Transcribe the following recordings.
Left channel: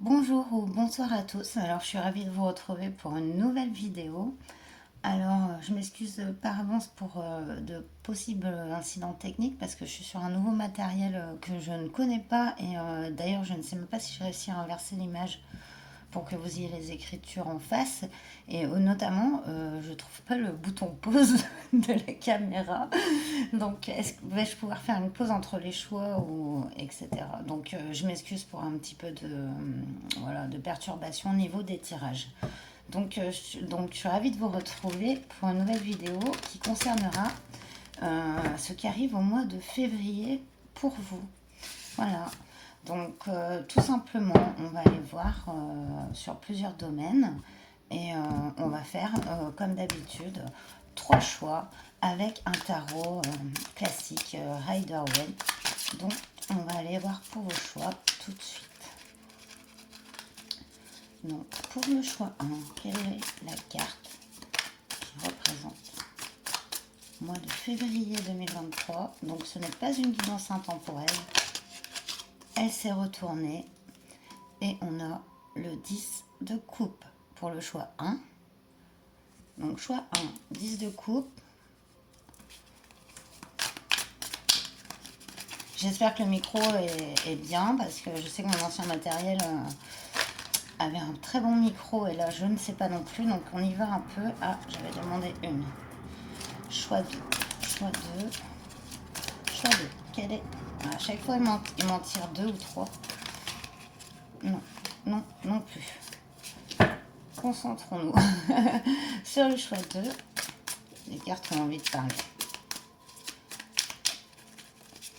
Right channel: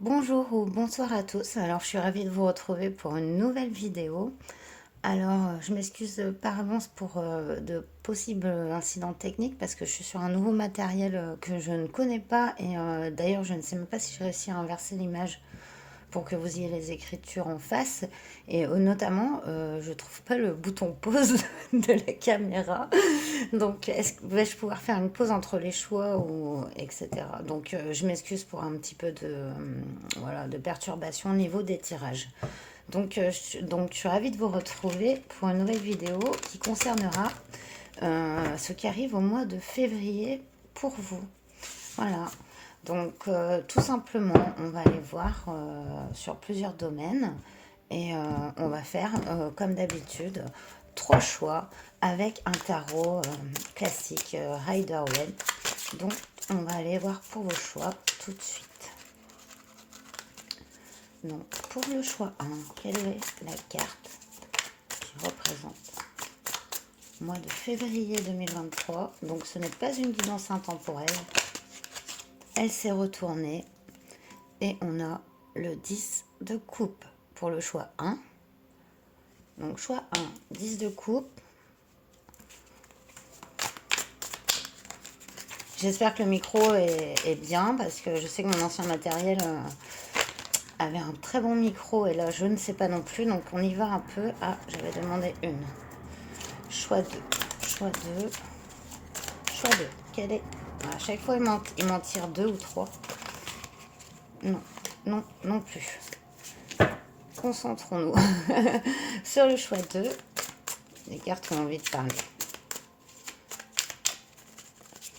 Bonjour ou bonsoir à tous. Alors, je suis ravie de vous retrouver pour une nouvelle vidéo. Alors, je m'excuse par avance pour de possibles incidents techniques parce que je suis sur un nouveau matériel que je ne connais pas et d'ailleurs, je ne sais même pas si j'ai réussi à inverser l'image pour que vous ayez les écritures en face. Et notamment, je trouve pas le bouton pause de la caméra. Donc, vais-je pouvoir faire une pause entre les choix ou etc. Donc, je m'excuse pour un petit peu voilà, de perturbation au niveau des tirages. Donc, je suis ravie de vous retrouver pour une nouvelle vidéo qui concernera ce qui arrive au mois de février pour vous. Voilà. Donc, tout simplement, on va aller voir sur plusieurs domaines et on va faire, comme d'habitude, trois choix avec un tarot classique Rider-Waite. Donc, on va aller voir pour vos choix tout de suite. Donc, pour le choix 1, quelle est la carte qui représente le mois de février 2023? Donc, ce n'est pas une guidance intemporelle. Elle s'est retournée et on a le 10 de coupe pour le choix 1. Donc, choix 1, 10 de coupe. J'espère que le micro est bien parce que je sais que mon ancien matériel avait un très bon micro et là je ne sais pas non plus, donc on y va un peu. Ah, j'avais demandé une. Choix 2, choix 2, choix 2. Quel est... À chaque fois il m'en tire 2 ou 3. Non, non, non plus. Concentrons-nous sur le choix 2. Les cartes ont envie de parler.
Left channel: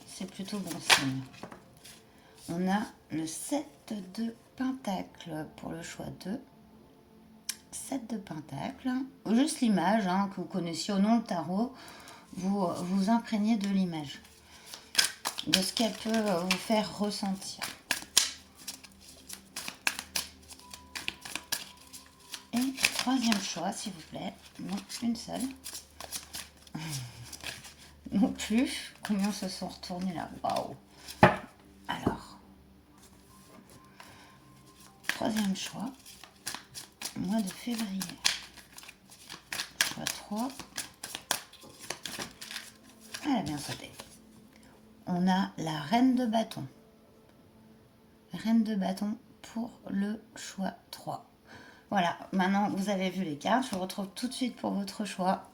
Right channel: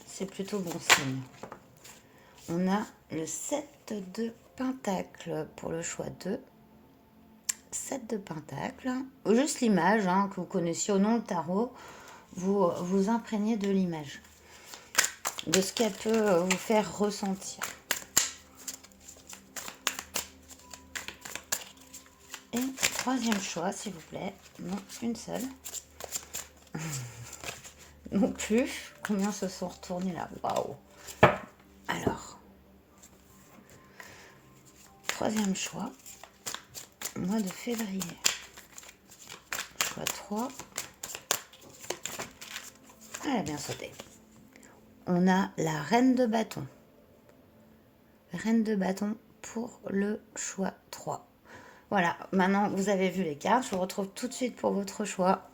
C'est plutôt bon signe. On a le 7 de Pentacle pour le choix 2. 7 de Pentacle. Juste l'image que vous connaissiez au nom de tarot. Vous vous imprégnez de l'image. De ce qu'elle peut vous faire ressentir. Et troisième choix, s'il vous plaît. Non, une seule. Non plus. Combien se sont retournés là? Waouh! Alors, troisième choix. Mois de février. Choix 3. Elle a bien sauté. On a la reine de bâton. Reine de bâton pour le choix 3. Voilà, maintenant vous avez vu les cartes. Je vous retrouve tout de suite pour votre choix.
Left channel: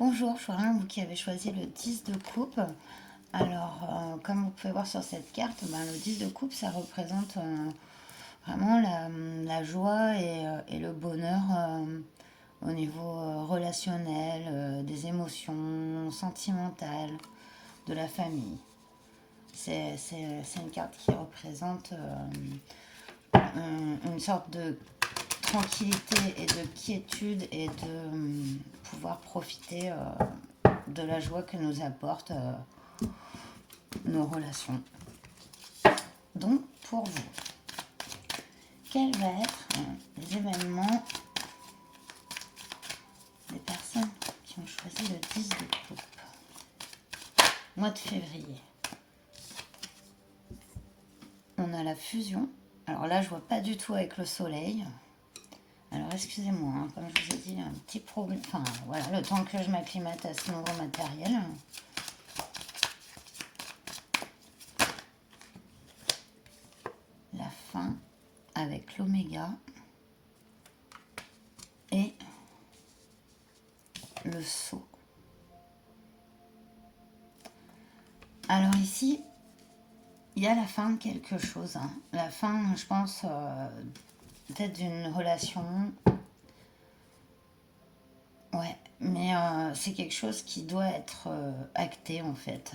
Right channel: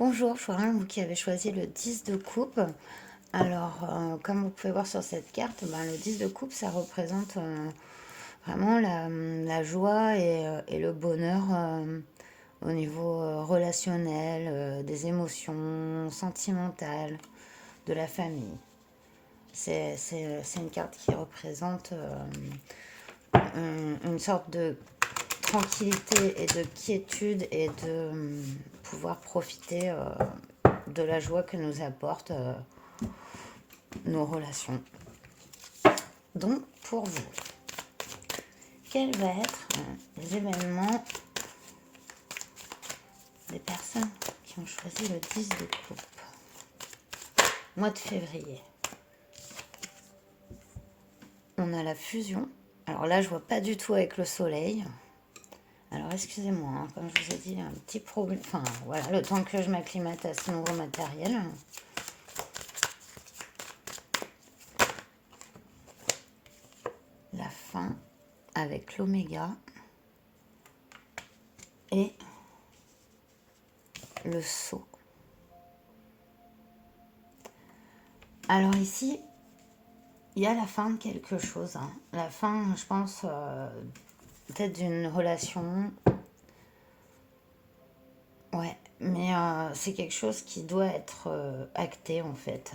Bonjour, Florian, vous qui avez choisi le 10 de coupe. Alors, comme vous pouvez voir sur cette carte, le 10 de coupe, ça représente vraiment la joie et le bonheur au niveau relationnel, des émotions sentimentales, de la famille. C'est une carte qui représente une sorte de tranquillité et de quiétude et de pouvoir profiter de la joie que nous apportent nos relations. Donc, pour vous, quels vont être les événements des personnes qui ont choisi le 10 de coupe? Mois de février. On a la fusion. Alors là, je vois pas du tout avec le soleil. Alors, excusez-moi, comme je vous ai dit, un petit problème. Enfin, voilà, le temps que je m'acclimate à ce nouveau matériel. La fin avec l'oméga et le saut. Alors ici, il y a la fin de quelque chose. La fin, je pense, peut-être d'une relation. Ouais, mais c'est quelque chose qui doit être acté en fait.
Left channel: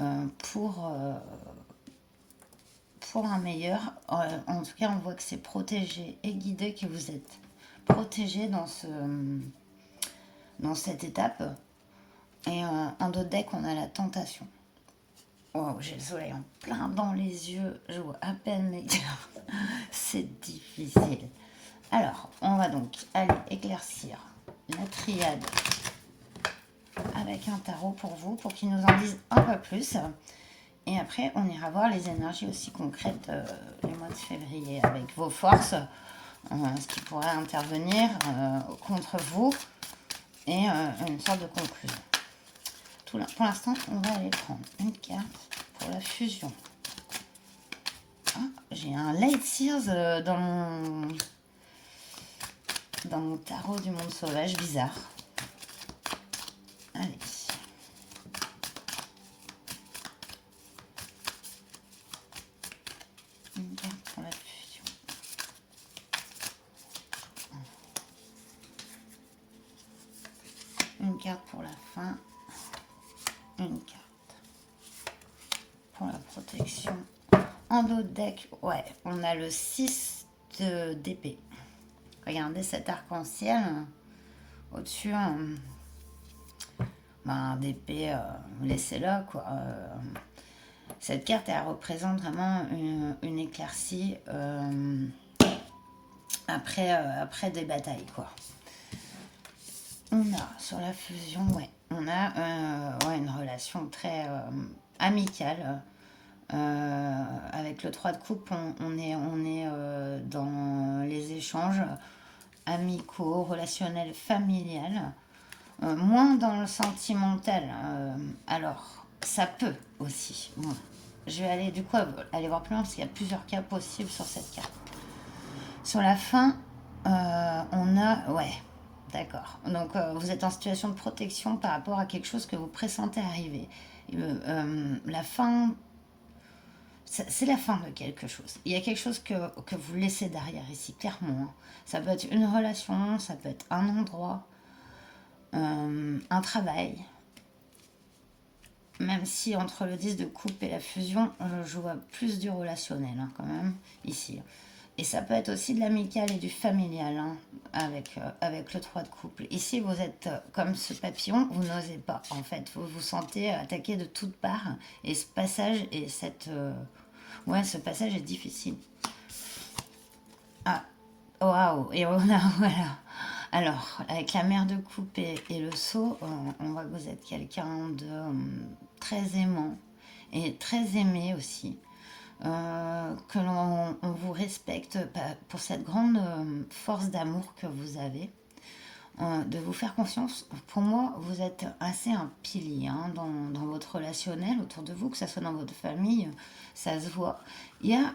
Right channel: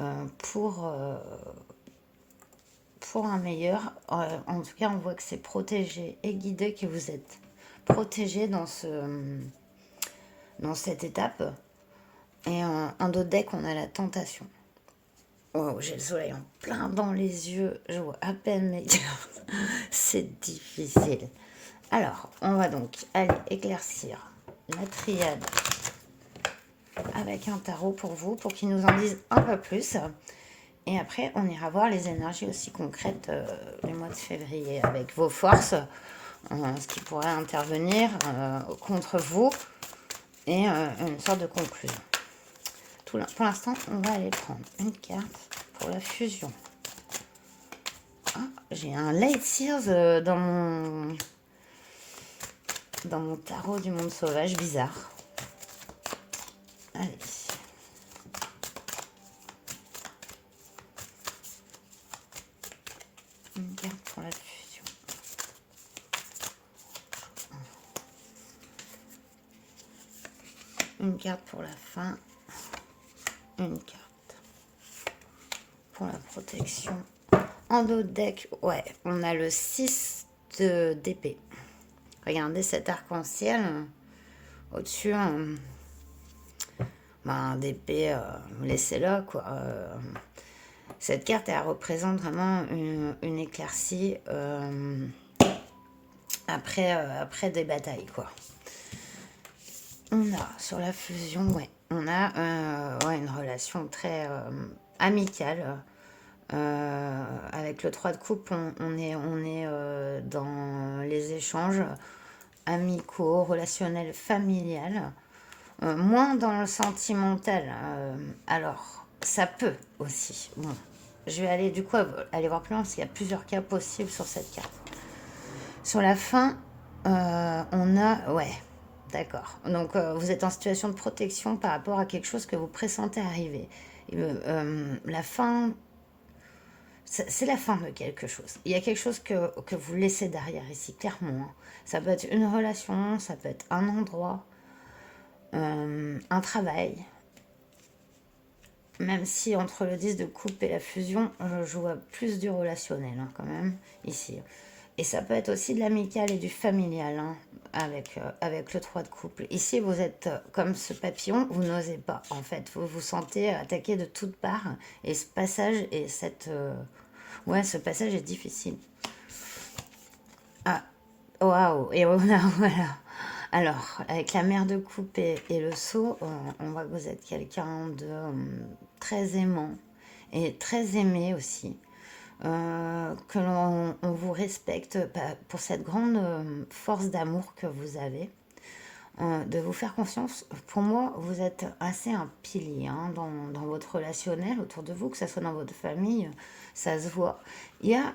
Euh, pour, euh, pour un meilleur. En tout cas, on voit que c'est protégé et guidé, que vous êtes protégé dans cette étape. Et en d'autres decks, on a la tentation. Oh, j'ai le soleil en plein dans les yeux. Je vois à peine mes cartes. C'est difficile. Alors, on va donc aller éclaircir la triade avec un tarot pour vous, pour qu'il nous en dise un peu plus. Et après, on ira voir les énergies aussi concrètes du mois de février avec vos forces, ce qui pourrait intervenir contre vous et une sorte de conclusion. Pour l'instant, on va aller prendre une carte pour la fusion. Ah, j'ai un Light Sears dans mon tarot du monde sauvage, bizarre. Allez. Une carte pour la fusion. Une carte pour la fin. Une carte pour la protection. En dos de deck, ouais, on a le 6 d'épée. Regardez cet arc-en-ciel au-dessus d'épée, laissez-la quoi. Cette carte, elle représente vraiment une éclaircie après des batailles quoi. On a sur la fusion, ouais, on a une relation très amicale. Avec le 3 de coupe, on est dans les échanges amicaux, relationnels, familiales, moins dans le sentimental. Alors, ça peut aussi. Bon, je vais aller du coup aller voir plus loin parce qu'il y a plusieurs cas possibles sur cette carte. Sur la fin, on a, ouais, d'accord. Donc, vous êtes en situation de protection par rapport à quelque chose que vous pressentez arriver. La fin. C'est la fin de quelque chose. Il y a quelque chose que vous laissez derrière ici, clairement. Ça peut être une relation, ça peut être un endroit, un travail. Même si entre le 10 de coupe et la fusion, je vois plus du relationnel quand même, ici. Et ça peut être aussi de l'amical et du familial, avec le 3 de couple. Ici, vous êtes comme ce papillon, vous n'osez pas, en fait. Vous vous sentez attaqué de toutes parts. Et ce passage et ouais, ce passage est difficile. Ah, waouh, et on a, voilà. Alors, avec la mère de coupe et le seau, on voit que vous êtes quelqu'un de très aimant et très aimé aussi. Que l'on vous respecte pour cette grande force d'amour que vous avez, de vous faire confiance. Pour moi, vous êtes assez un pilier dans votre relationnel autour de vous, que ce soit dans votre famille, ça se voit. Il y a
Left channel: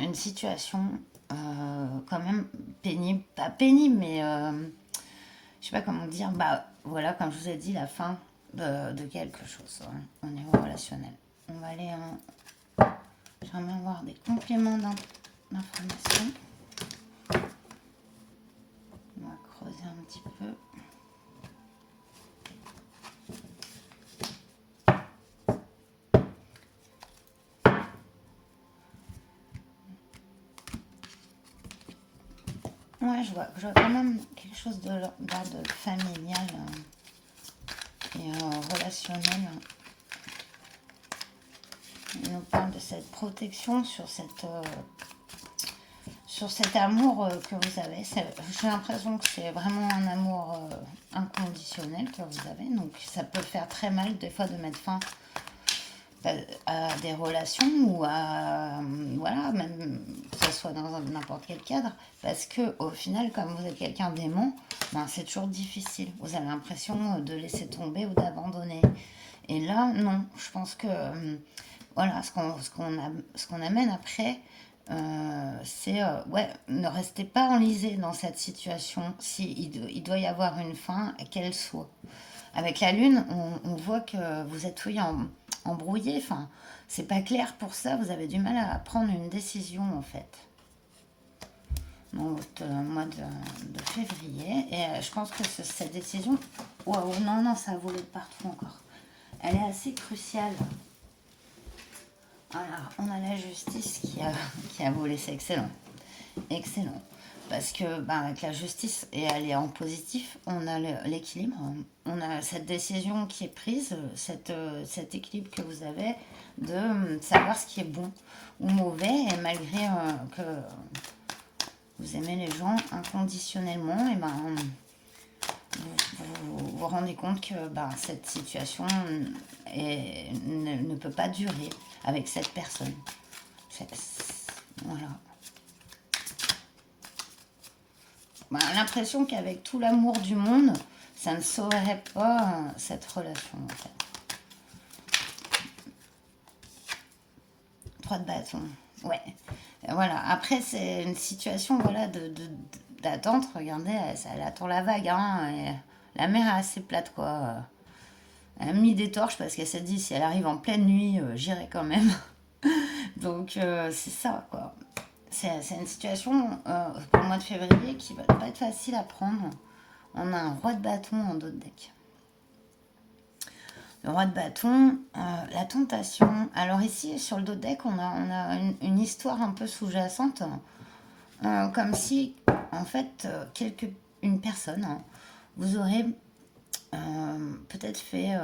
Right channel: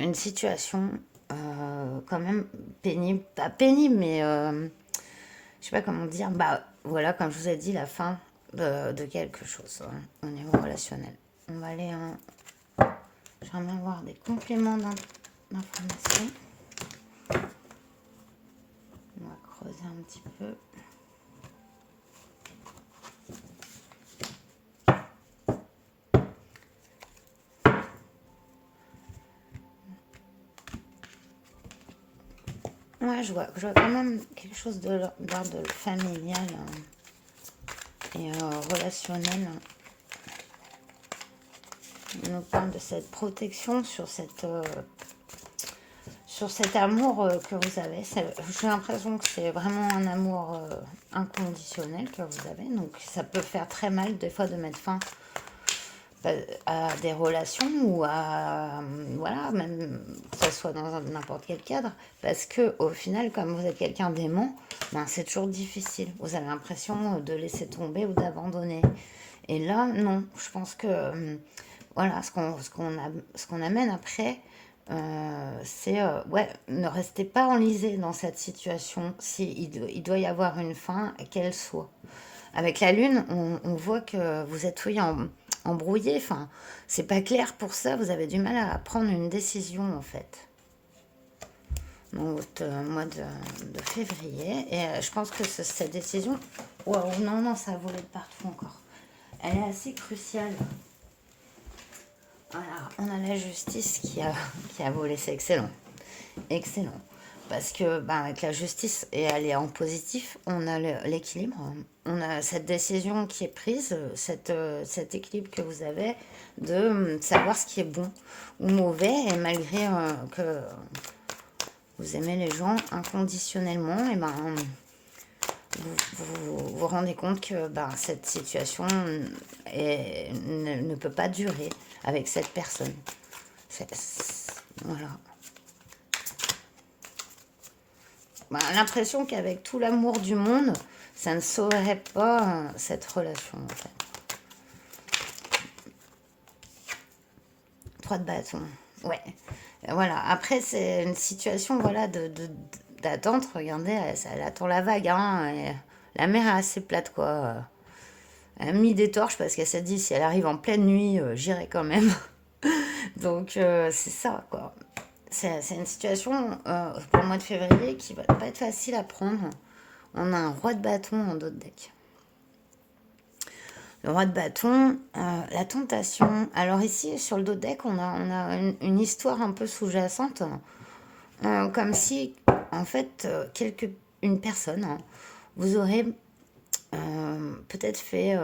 une situation quand même pénible, pas pénible, mais je sais pas comment dire, bah voilà, comme je vous ai dit, la fin de quelque chose au niveau relationnel. On va aller j'aimerais avoir des compléments d'informations. On va creuser un petit peu. Ouais, je vois quand même quelque chose d'ordre familial et relationnel. On nous parle de cette protection sur cet amour que vous avez. J'ai l'impression que c'est vraiment un amour inconditionnel que vous avez. Donc ça peut faire très mal des fois de mettre fin à des relations ou voilà, même que ce soit dans n'importe quel cadre, parce que au final, comme vous êtes quelqu'un d'aimant, ben, c'est toujours difficile. Vous avez l'impression de laisser tomber ou d'abandonner. Et là, non. Je pense que voilà, ce qu'on amène après, c'est ouais, ne restez pas enlisé dans cette situation. Si il doit y avoir une fin, qu'elle soit. Avec la lune, on voit que vous êtes embrouillé. Enfin, c'est pas clair pour ça. Vous avez du mal à prendre une décision en fait dans votre mois de février. Et je pense que cette décision, waouh, non, ça a volé de partout encore. Elle est assez cruciale. Voilà, on a la justice qui a volé, c'est excellent. Excellent. Parce que avec la justice, et elle est en positif, on a l'équilibre. On a cette décision qui est prise, cet équilibre que vous avez de savoir ce qui est bon ou mauvais. Et malgré que vous aimez les gens inconditionnellement, et vous rendez compte que ben, cette situation ne peut pas durer avec cette personne. Voilà. Ben, l'impression qu'avec tout l'amour du monde, ça ne sauverait pas cette relation en fait. 3 de bâton. Ouais. Voilà. Après, c'est une situation voilà, d'attente. Regardez, elle attend la vague. Hein, et la mer est assez plate, quoi. Elle a mis des torches parce qu'elle s'est dit si elle arrive en pleine nuit, j'irai quand même. Donc, c'est ça, quoi. C'est une situation pour le mois de février qui va pas être facile à prendre. On a un roi de bâton en dos de deck. Le roi de bâton, la tentation. Alors ici, sur le dos de deck, on a une histoire un peu sous-jacente. Comme si, en fait, une personne, hein, vous aurait peut-être fait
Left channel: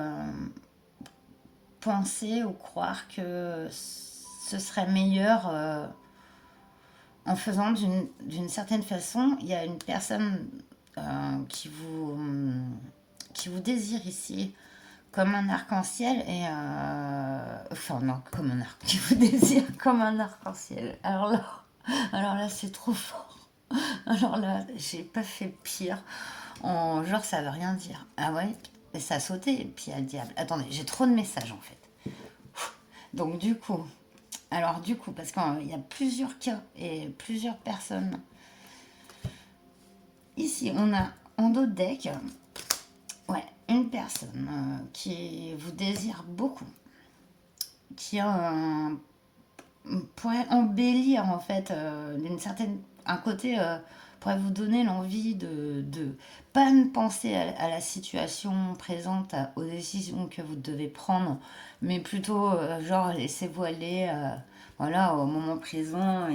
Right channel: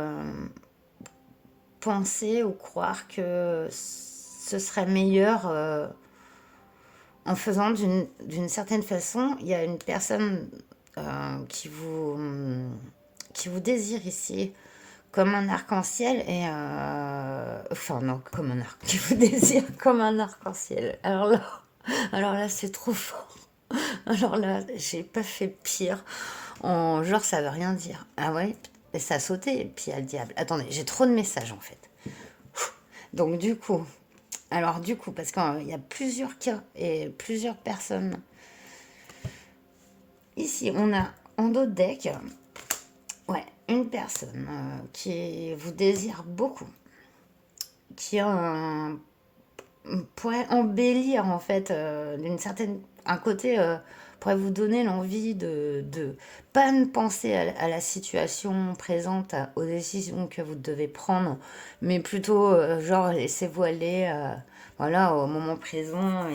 penser ou croire que ce serait meilleur en faisant d'une certaine façon. Il y a une personne qui vous désire ici comme un arc-en-ciel et enfin non comme un arc qui vous désire comme un arc-en-ciel. Alors là c'est trop fort. Alors là j'ai pas fait pire. Genre ça veut rien dire. Ah ouais. Et ça a sauté et puis il y a le diable. Attendez, j'ai trop de messages en fait. Donc du coup, parce qu'il y a plusieurs cas et plusieurs personnes. Ici, on a en dos de deck, ouais, une personne qui vous désire beaucoup, qui pourrait embellir en fait d'une certaine, un côté pourrait vous donner l'envie de pas penser à la situation présente, aux décisions que vous devez prendre, mais plutôt genre laissez-vous aller voilà, au moment présent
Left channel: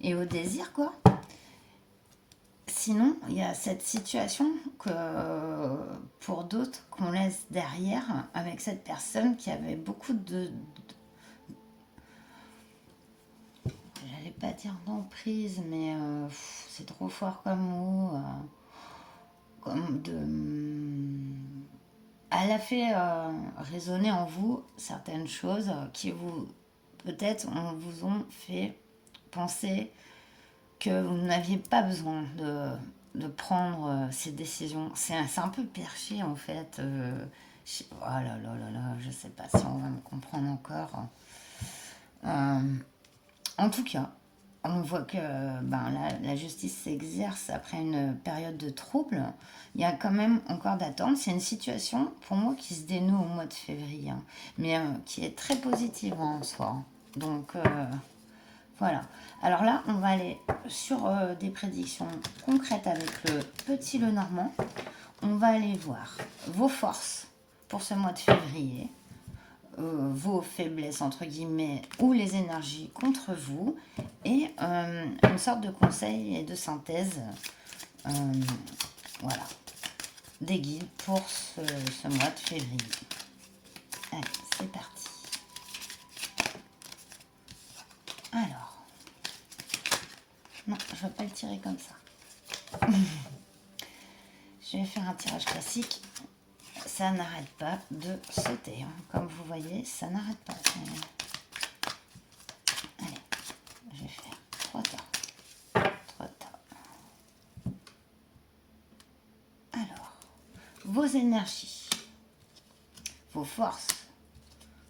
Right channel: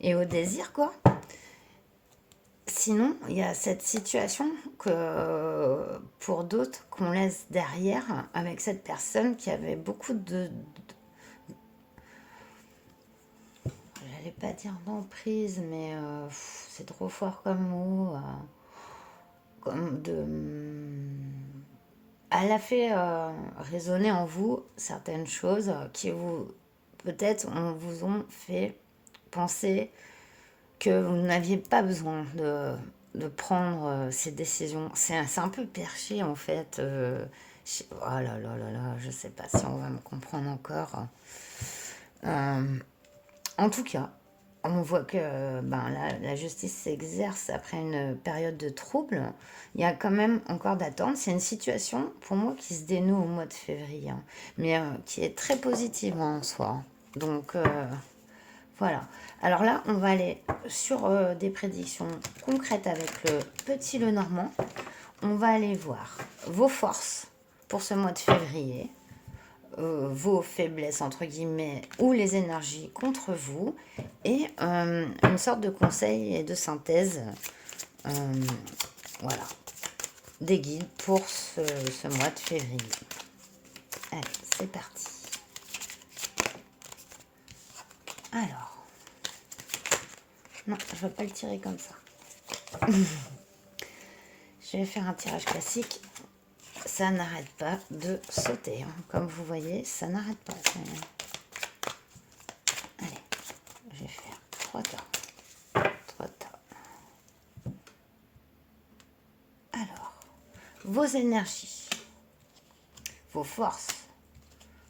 et au désir quoi. Sinon, il y a cette situation que pour d'autres qu'on laisse derrière avec cette personne qui avait beaucoup j'allais pas dire d'emprise, mais c'est trop fort comme mot, comme elle a fait résonner en vous certaines choses qui vous, peut-être, vous ont fait penser que vous n'aviez pas besoin de prendre ces décisions. C'est un peu perché en fait. Oh là là là là, je sais pas si on va me comprendre encore. En tout cas, on voit que ben, la justice s'exerce après une période de trouble. Il y a quand même encore d'attente. C'est une situation, pour moi, qui se dénoue au mois de février, hein, mais qui est très positive hein, en soi. Donc, voilà. Alors là, on va aller sur des prédictions concrètes avec le petit Lenormand. On va aller voir vos forces pour ce mois de février, vos faiblesses entre guillemets ou les énergies contre vous et une sorte de conseil et de synthèse euh, voilà des guides pour ce mois de février. Allez, c'est parti. Alors, non, je ne vais pas le tirer comme ça. Je vais faire un tirage classique. Ça n'arrête pas de sauter. Hein. Comme vous voyez, ça n'arrête pas. Allez, je vais faire 3 tas. 3 tas. Alors, vos énergies, vos forces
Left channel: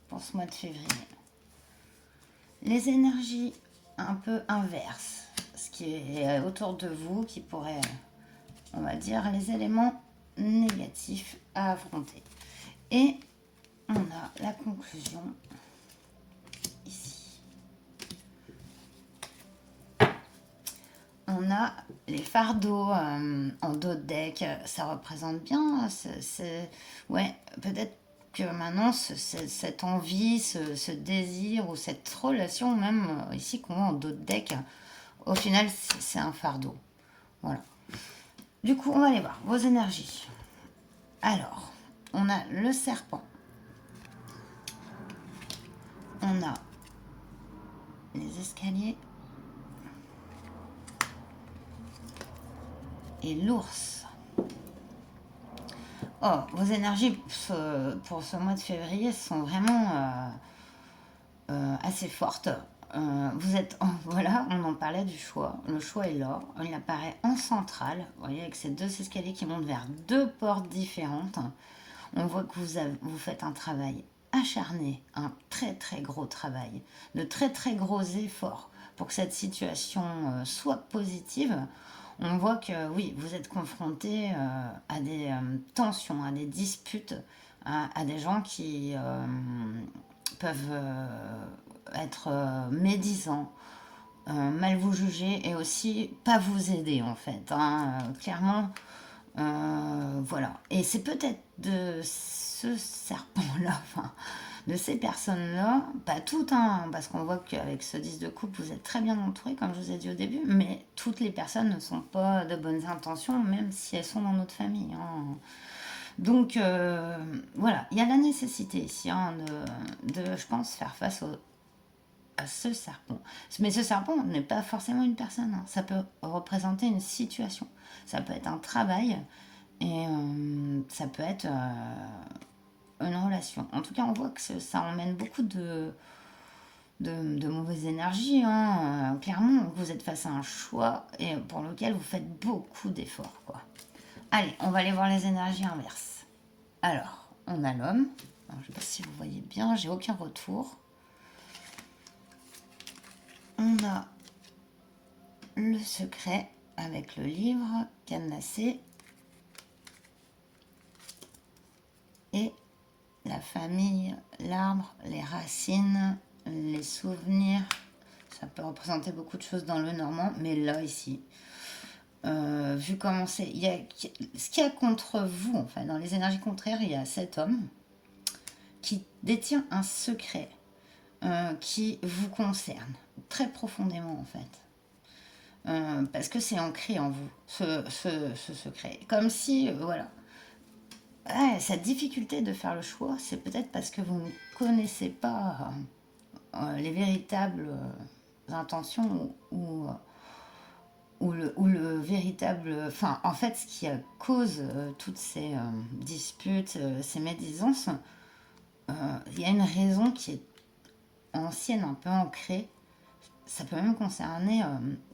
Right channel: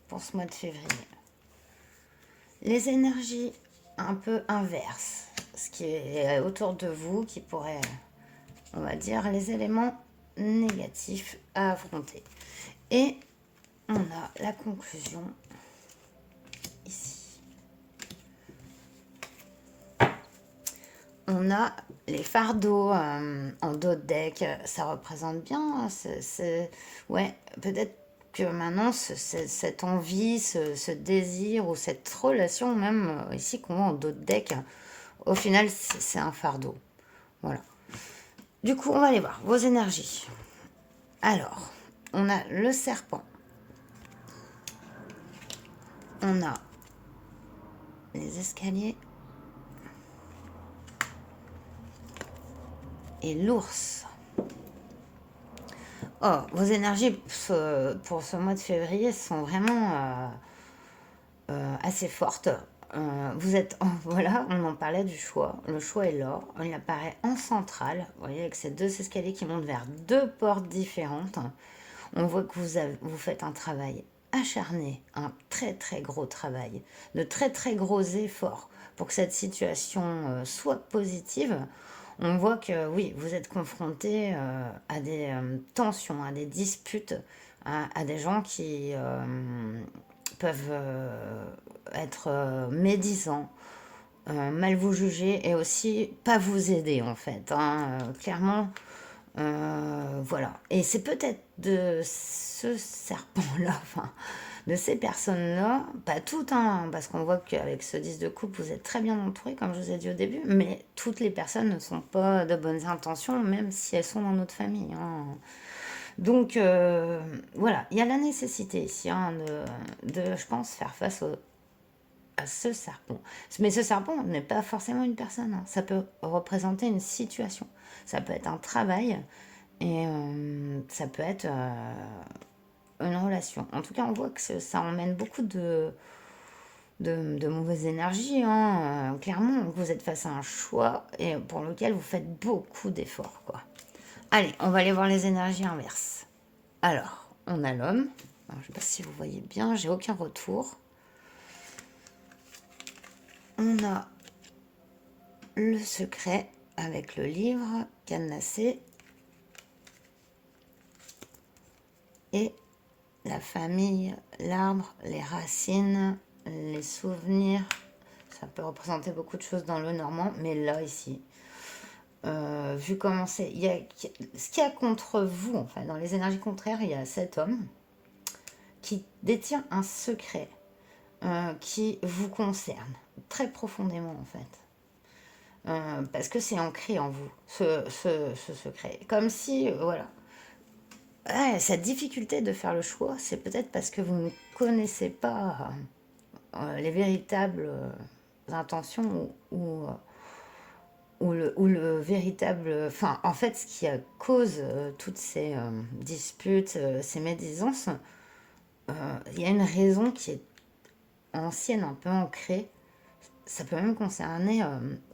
pour ce mois de février. Les énergies un peu inverses, ce qui est autour de vous, qui pourrait, on va dire, les éléments négatifs à affronter. Et on a la conclusion ici. On a les fardeaux en dos de deck, ça représente bien, ouais, peut-être que maintenant cette envie, ce désir ou cette relation même ici qu'on voit en dos de deck, au final c'est un fardeau. Voilà. Du coup, on va aller voir vos énergies. Alors, on a le serpent. On a les escaliers. Et l'ours. Oh, vos énergies pour ce mois de février sont vraiment assez fortes. Vous êtes, voilà, on en parlait du choix. Le choix est là. Il apparaît en centrale. Vous voyez, avec ces deux escaliers qui montent vers deux portes différentes. On voit que vous faites un travail acharné, un très très gros travail, de très très gros efforts pour que cette situation soit positive. On voit que oui, vous êtes confronté à des tensions, à des disputes, à des gens qui peuvent être médisants, mal vous juger et aussi pas vous aider en fait, hein. Clairement, voilà. Et c'est peut-être de ce serpent-là, enfin, de ces personnes-là, pas toutes, hein, parce qu'on voit qu'avec ce 10 de coupe, vous êtes très bien entouré, comme je vous ai dit au début, mais toutes les personnes ne sont pas de bonnes intentions, même si elles sont dans notre famille, hein. Donc, voilà, il y a la nécessité ici, hein, je pense, faire face à ce serpent. Mais ce serpent n'est pas forcément une personne, hein. Ça peut représenter une situation. Ça peut être un travail et ça peut être une relation. En tout cas, on voit que ça emmène beaucoup de mauvaises énergies, hein. Clairement, vous êtes face à un choix et pour lequel vous faites beaucoup d'efforts, quoi. Allez, on va aller voir les énergies inverses. Alors, on a l'homme. Je ne sais pas si vous voyez bien, j'ai aucun retour. On a le secret avec le livre cadenassé et la famille, l'arbre, les racines, les souvenirs. Ça peut représenter beaucoup de choses dans le normand, mais là, ici, vu comment c'est, ce qu'il y a contre vous, en fait, dans les énergies contraires, il y a cet homme qui détient un secret qui vous concerne très profondément, en fait. Parce que c'est ancré en vous, ce secret. Comme si, voilà. Ouais, cette difficulté de faire le choix, c'est peut-être parce que vous ne connaissez pas les véritables intentions ou le véritable... Enfin, en fait, ce qui cause toutes ces disputes, ces médisances, il y a une raison qui est ancienne, un peu ancrée. Ça peut même concerner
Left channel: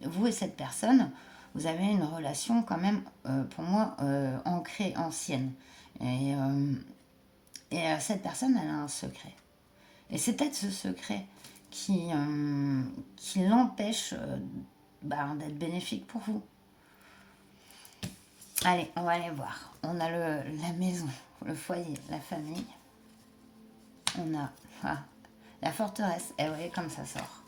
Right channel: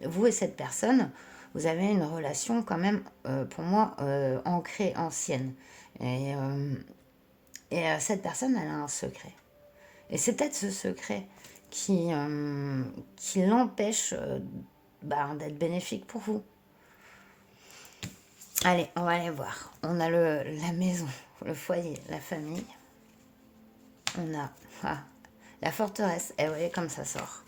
vous et cette personne. Vous avez une relation quand même, pour moi, ancrée, ancienne. Et, euh, et cette personne, elle a un secret. Et c'est peut-être ce secret qui l'empêche d'être bénéfique pour vous. Allez, on va aller voir. On a la maison, le foyer, la famille. On a la forteresse. Et vous voyez comme ça sort.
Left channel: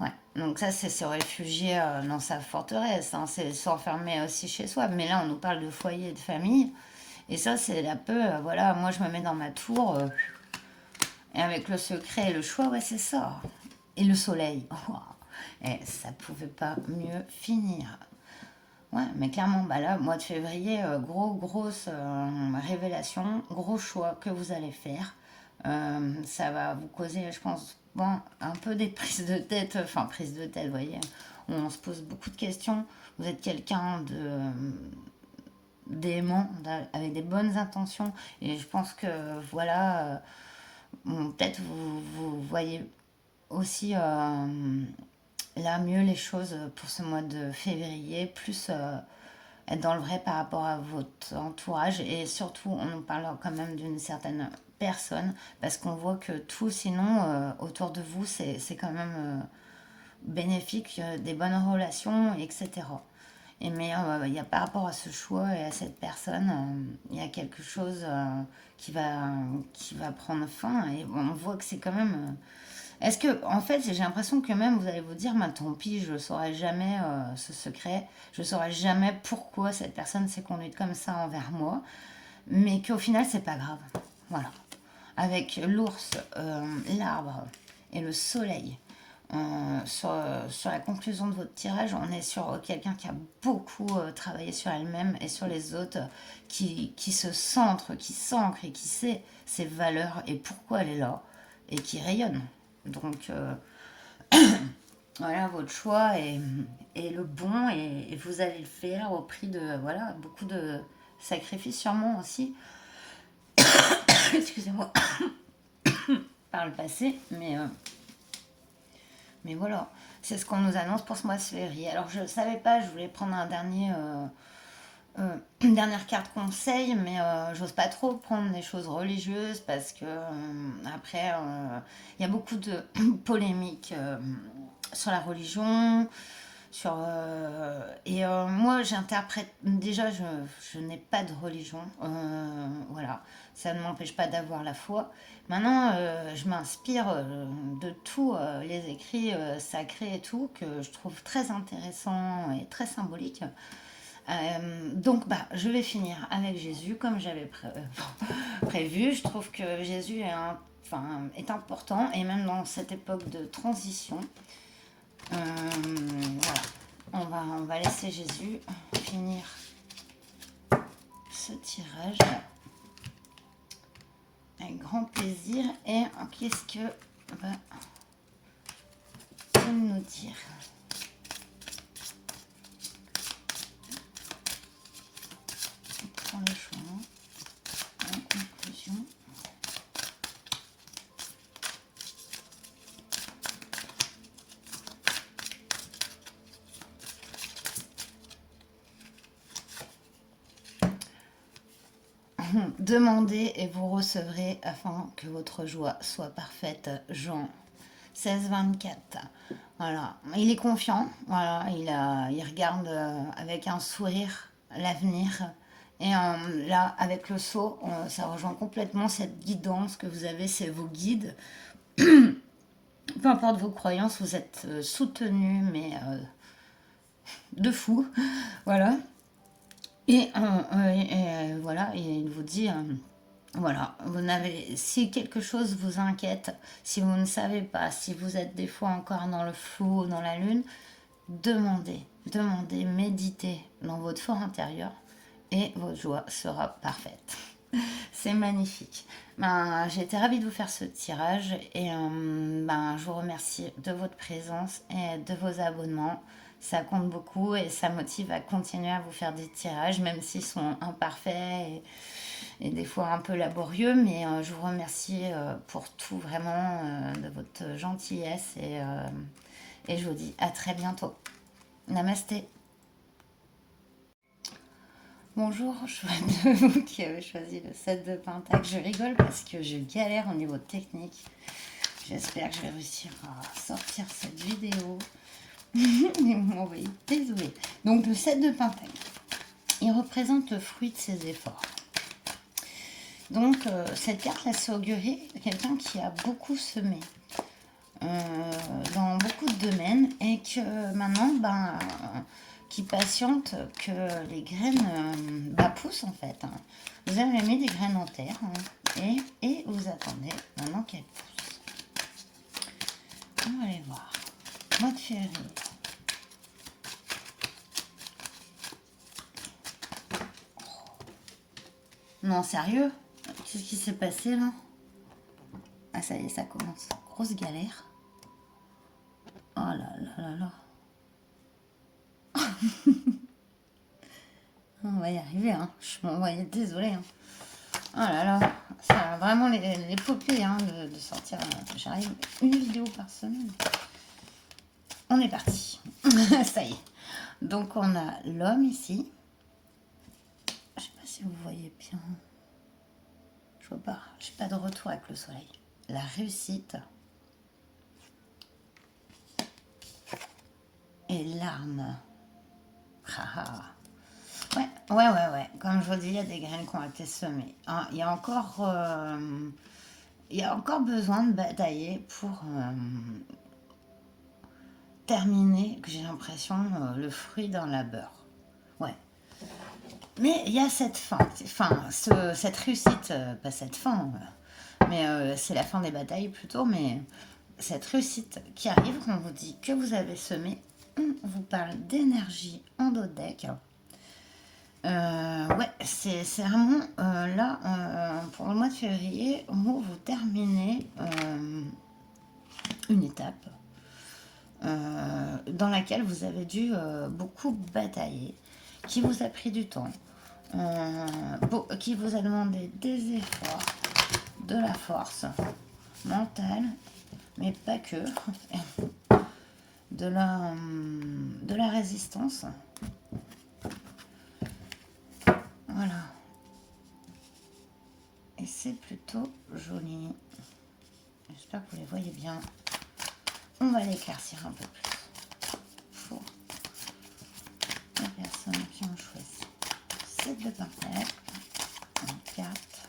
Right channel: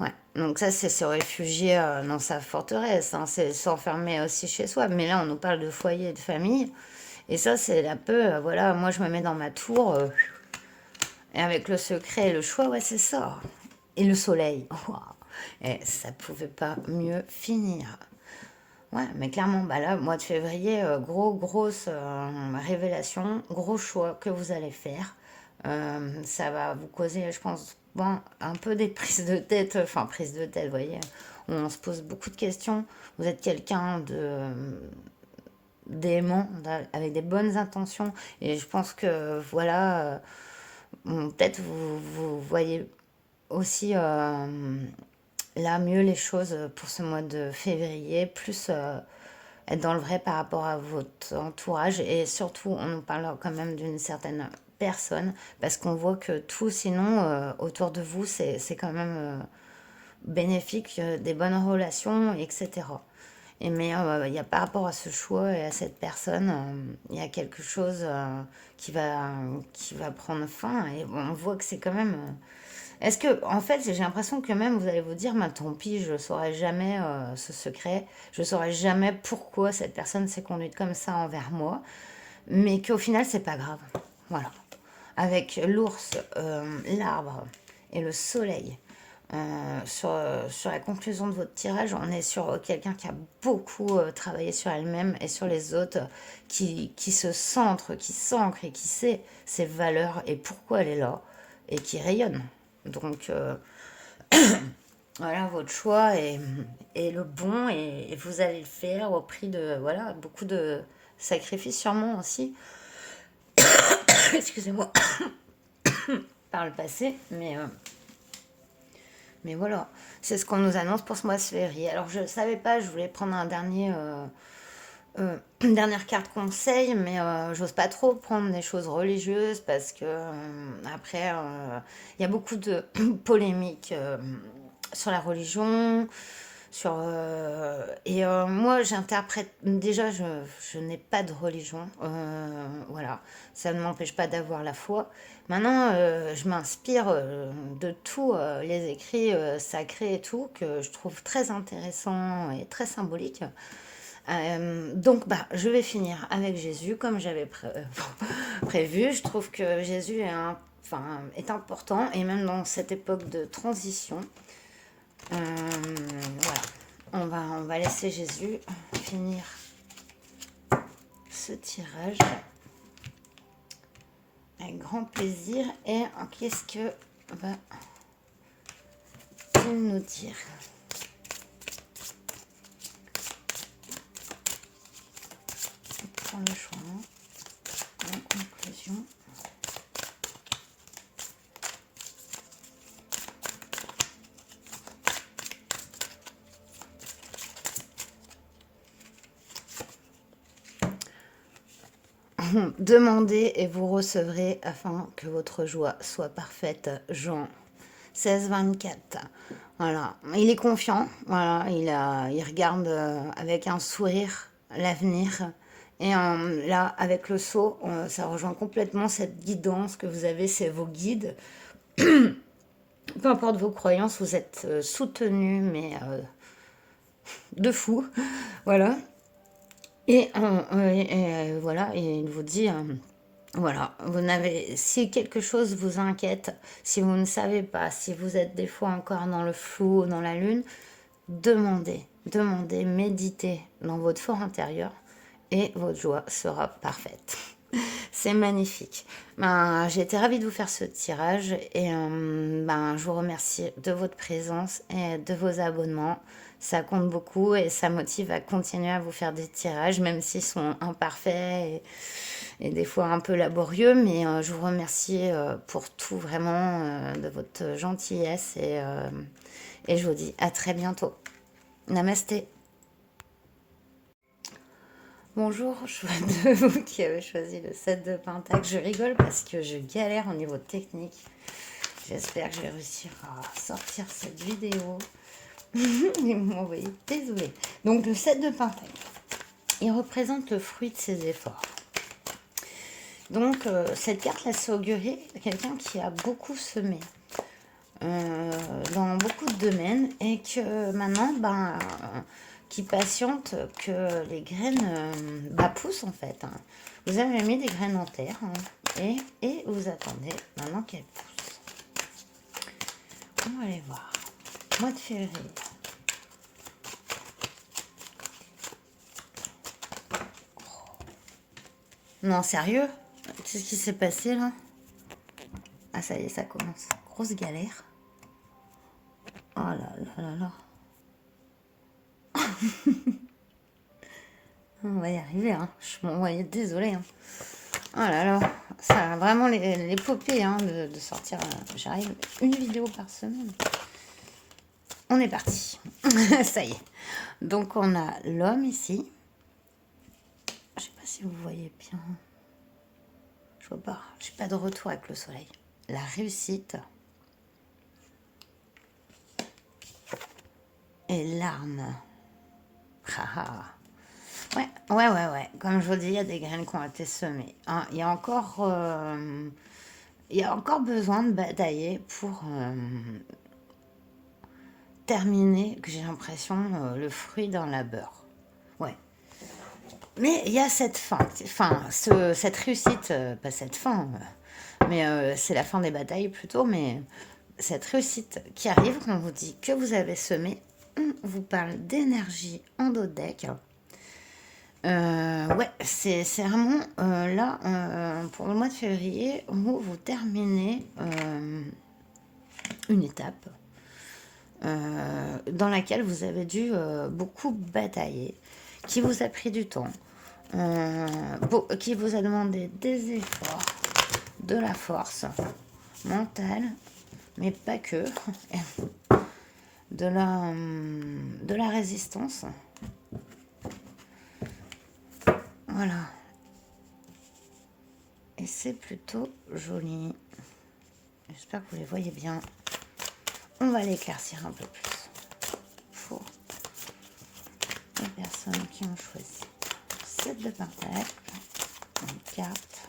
Ouais, donc ça c'est se réfugier dans sa forteresse, hein. C'est s'enfermer aussi chez soi. Mais là on nous parle de foyer et de famille. Et ça c'est un peu, voilà, moi je me mets dans ma tour. Et avec le secret et le choix, ouais c'est ça. Et le soleil. Wow. Et ça pouvait pas mieux finir. Ouais, mais clairement, bah là, mois de février, grosse révélation, gros choix que vous allez faire. Ça va vous causer, je pense, bon, un peu des prises de tête, enfin, prises de tête, vous voyez, on se pose beaucoup de questions. Vous êtes quelqu'un d'aimant, avec des bonnes intentions, et je pense que, voilà, peut-être vous voyez aussi là mieux les choses pour ce mois de février, plus être dans le vrai par rapport à votre entourage et surtout on nous parle quand même d'une certaine personne parce qu'on voit que tout sinon autour de vous c'est quand même bénéfique, des bonnes relations, etc. Et mais il y a par rapport à ce choix et à cette personne, il y a quelque chose qui va prendre fin et on voit que c'est quand même est-ce que, en fait, j'ai l'impression que même vous allez vous dire, bah, tant pis, je ne saurai jamais ce secret, je ne saurai jamais pourquoi cette personne s'est conduite comme ça envers moi, mais qu'au final, c'est pas grave. Voilà. Avec l'ours, l'arbre et le soleil, sur la conclusion de votre tirage, on est sur quelqu'un qui a beaucoup travaillé sur elle-même et sur les autres, qui se centre, qui s'ancre et qui sait ses valeurs et pourquoi elle est là, et qui rayonne. Donc, voilà, votre choix est le bon et vous allez le faire au prix de voilà, beaucoup de sacrifices sûrement aussi. excusez-moi, par le passé, mais voilà, c'est ce qu'on nous annonce pour ce mois de février. Alors je ne savais pas, je voulais prendre une dernière carte conseil, mais j'ose pas trop prendre des choses religieuses parce que après, il y a beaucoup de polémiques sur la religion, moi j'interprète déjà je n'ai pas de religion, voilà, ça ne m'empêche pas d'avoir la foi. Maintenant je m'inspire de tous les écrits sacrés et tout que je trouve très intéressant et très symbolique. Donc je vais finir avec Jésus comme j'avais prévu. Je trouve que Jésus enfin, est important et même dans cette époque de transition. Voilà. On va laisser Jésus finir ce tirage avec grand plaisir. Et qu'est-ce que va-t-il nous dire? Prendre le choix. En conclusion. Demandez et vous recevrez afin que votre joie soit parfaite. Jean 16, 24. Voilà, il est confiant. Voilà, il regarde avec un sourire l'avenir. Et là, avec le saut, ça rejoint complètement cette guidance que vous avez, c'est vos guides. Peu importe vos croyances, vous êtes soutenus, mais de fou. Voilà. Voilà, et il vous dit, voilà, si quelque chose vous inquiète, si vous ne savez pas, si vous êtes des fois encore dans le flou, dans la lune, demandez, méditez dans votre fort intérieur et votre joie sera parfaite. C'est magnifique. J'ai été ravie de vous faire ce tirage et je vous remercie de votre présence et de vos abonnements. Ça compte beaucoup et ça motive à continuer à vous faire des tirages, même s'ils sont imparfaits et des fois un peu laborieux. Mais je vous remercie pour tout, vraiment, de votre gentillesse et je vous dis à très bientôt. Namasté. Bonjour, je suis de vous qui avez choisi le 7 de Pentacle. Je rigole parce que je galère au niveau technique. J'espère que je vais réussir à sortir cette vidéo. Ils m'ont envoyé désolé. Donc le 7 de Pentacle, il représente le fruit de ses efforts. Donc cette carte-là, c'est augurer quelqu'un qui a beaucoup semé dans beaucoup de domaines et que maintenant, qui patiente que les graines poussent en fait. Vous avez mis des graines en terre et vous attendez maintenant qu'elles poussent. On va aller voir. Mois de février. Non, sérieux? Qu'est-ce qui s'est passé là? Ah, ça y est, ça commence. Grosse galère. Oh là là là là. On va y arriver, hein. Je m'envoyais désolée. Hein. Oh là là, ça a vraiment l'épopée de sortir. J'arrive une vidéo par semaine. On est parti. Ça y est. Donc on a l'homme ici. Je sais pas si vous voyez bien. Je vois pas. J'ai pas de retour avec le soleil. La réussite. Et l'arme. Ouais. Comme je vous dis, il y a des graines qui ont été semées. Il y a encore besoin de batailler pour terminer, que j'ai l'impression, le fruit dans la beurre. Ouais. Mais il y a cette fin, cette réussite, pas cette fin, mais c'est la fin des batailles plutôt, mais cette réussite qui arrive, on vous dit que vous avez semé, on vous parle d'énergie endodèque. Ouais, c'est vraiment là, pour le mois de février, où vous terminez une étape dans laquelle vous avez dû beaucoup batailler, qui vous a pris du temps, qui vous a demandé des efforts. de la force mentale, mais pas que, de la résistance. Voilà. Et c'est plutôt joli. J'espère que vous les voyez bien. On va l'éclaircir un peu plus pour les personnes qui ont choisi 7 de pentacle, une carte.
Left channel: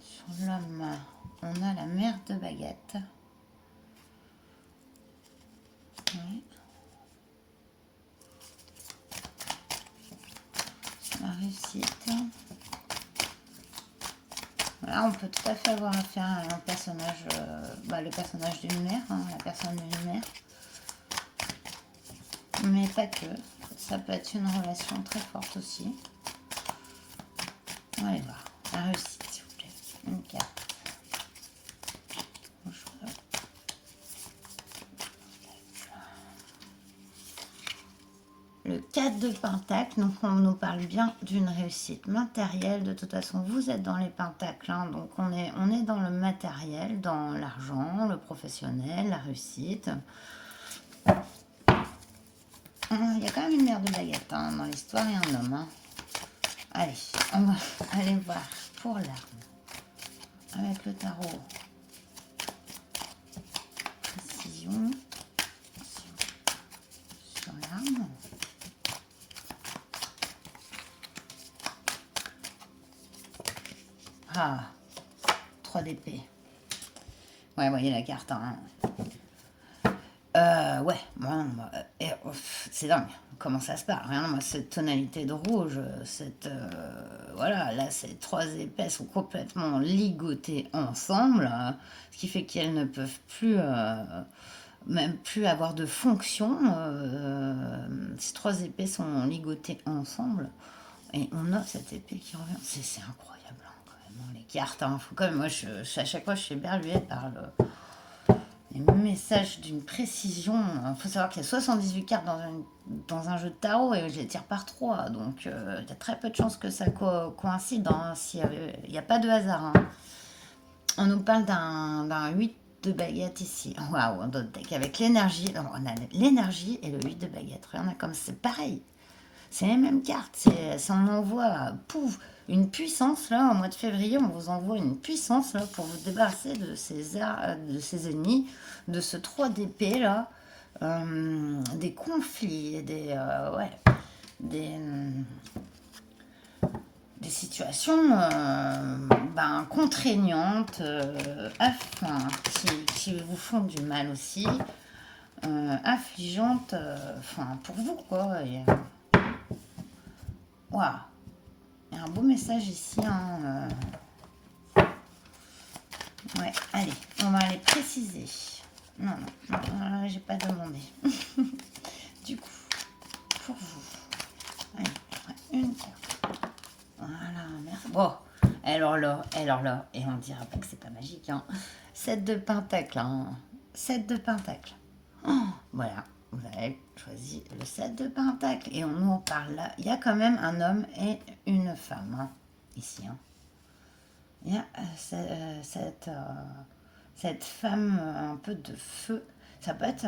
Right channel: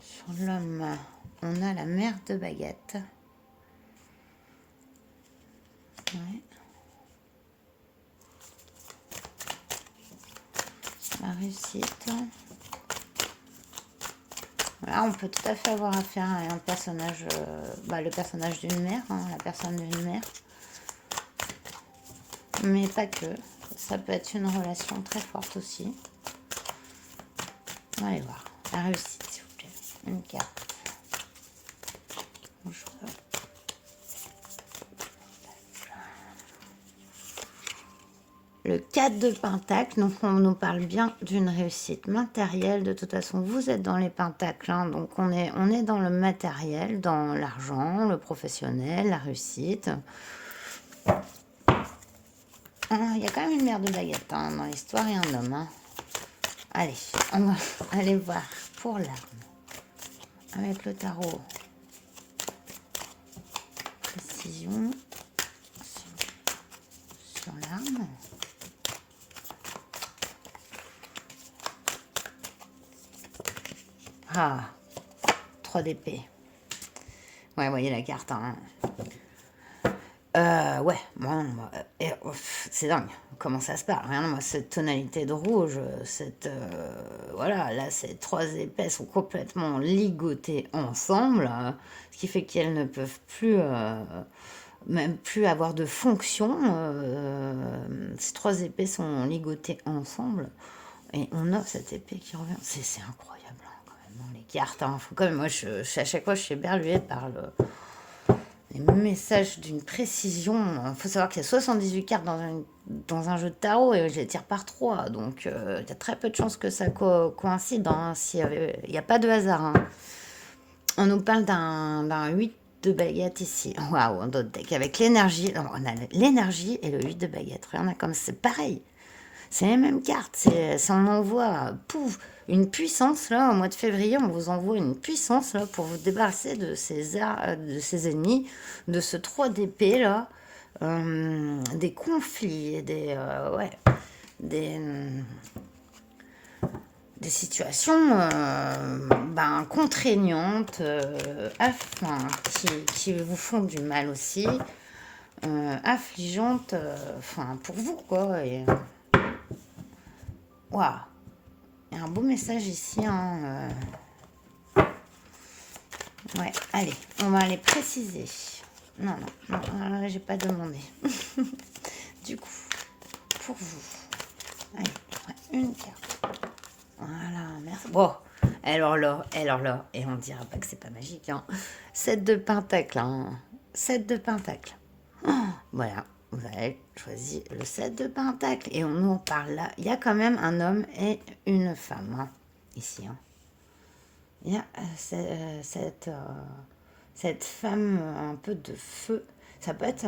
Sur l'homme, on a la mère de baguette. Ouais. La réussite. Là, on peut tout à fait avoir affaire à un personnage, le personnage d'une mère, hein, la personne d'une mère. Mais pas que. Ça peut être une relation très forte aussi. On va aller voir. La réussite, s'il vous plaît. Une carte. Le 4 de pentacle, donc on nous parle bien d'une réussite matérielle. De toute façon, vous êtes dans les pentacles, hein, donc on est dans le matériel, dans l'argent, le professionnel, la réussite. Il y a quand même une mère de baguette hein, dans l'histoire et un homme. Hein. Allez, on va aller voir pour l'arme. Avec le tarot. Précision. Sur l'arme. Ah, 3 d'épée. Ouais, vous voyez la carte. Hein. Ouais, bon, c'est dingue. Comment ça se passe? Rien, moi, cette tonalité de rouge, voilà, là, ces 3 épées sont complètement ligotées ensemble, ce qui fait qu'elles ne peuvent plus, même plus avoir de fonction. Ces 3 épées sont ligotées ensemble. Et on a cette épée qui revient. C'est incroyable, hein, quand même, les cartes. Hein. Faut quand même, moi, à chaque fois, je suis éberluée par les messages d'une précision. Il faut savoir qu'il y a 78 cartes dans un jeu de tarot et je les tire par 3. Donc, il y a très peu de chances que ça coïncide. Hein, il n'y a pas de hasard. Hein. On nous parle d'un 8 de baguette ici. Waouh, d'autres deck. Avec l'énergie. Alors, on a l'énergie et le 8 de baguette. Regardez comme c'est pareil. C'est les mêmes cartes, ça en envoie pouf, une puissance, là, au mois de février, on vous envoie une puissance, là, pour vous débarrasser de ces ennemis, de ce 3 d'épée, là, des conflits, des situations contraignantes, qui vous font du mal aussi, affligeantes, pour vous, quoi, et... Waouh, il y a un beau message ici. Hein, Ouais, allez, on va aller préciser. Non, j'ai pas demandé. Du coup, pour vous, allez, une carte. Voilà, merci. Bon, alors là, et on dira pas que c'est pas magique. Hein. 7 de pentacle, hein. 7 de pentacle. Oh, voilà. Vous avez choisi le 7 de pentacle. Et on nous en parle là. Il y a quand même un homme et une femme. Hein, ici. Hein. Il y a cette femme un peu de feu. Ça peut être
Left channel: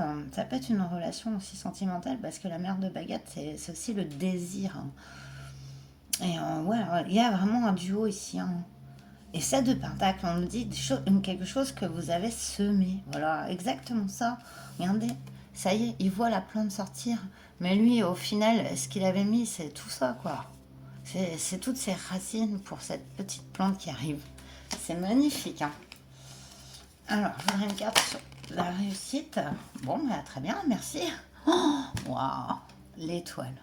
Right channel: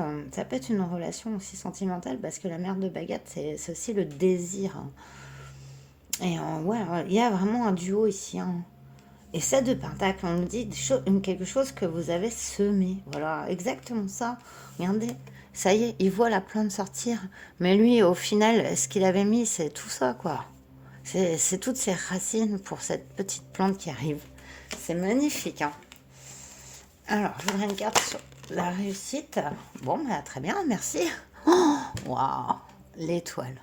une relation aussi sentimentale parce que la mère de baguette, c'est aussi le désir. Hein. Et ouais, il y a vraiment un duo ici. Hein. Et 7 de pentacle, on nous dit quelque chose que vous avez semé. Voilà, exactement ça. Regardez. Ça y est, il voit la plante sortir. Mais lui, au final, ce qu'il avait mis, c'est tout ça, quoi. C'est toutes ces racines pour cette petite plante qui arrive. C'est magnifique. Hein. Alors, je voudrais une carte sur la réussite. Bon, bah, très bien, merci. Waouh, l'étoile.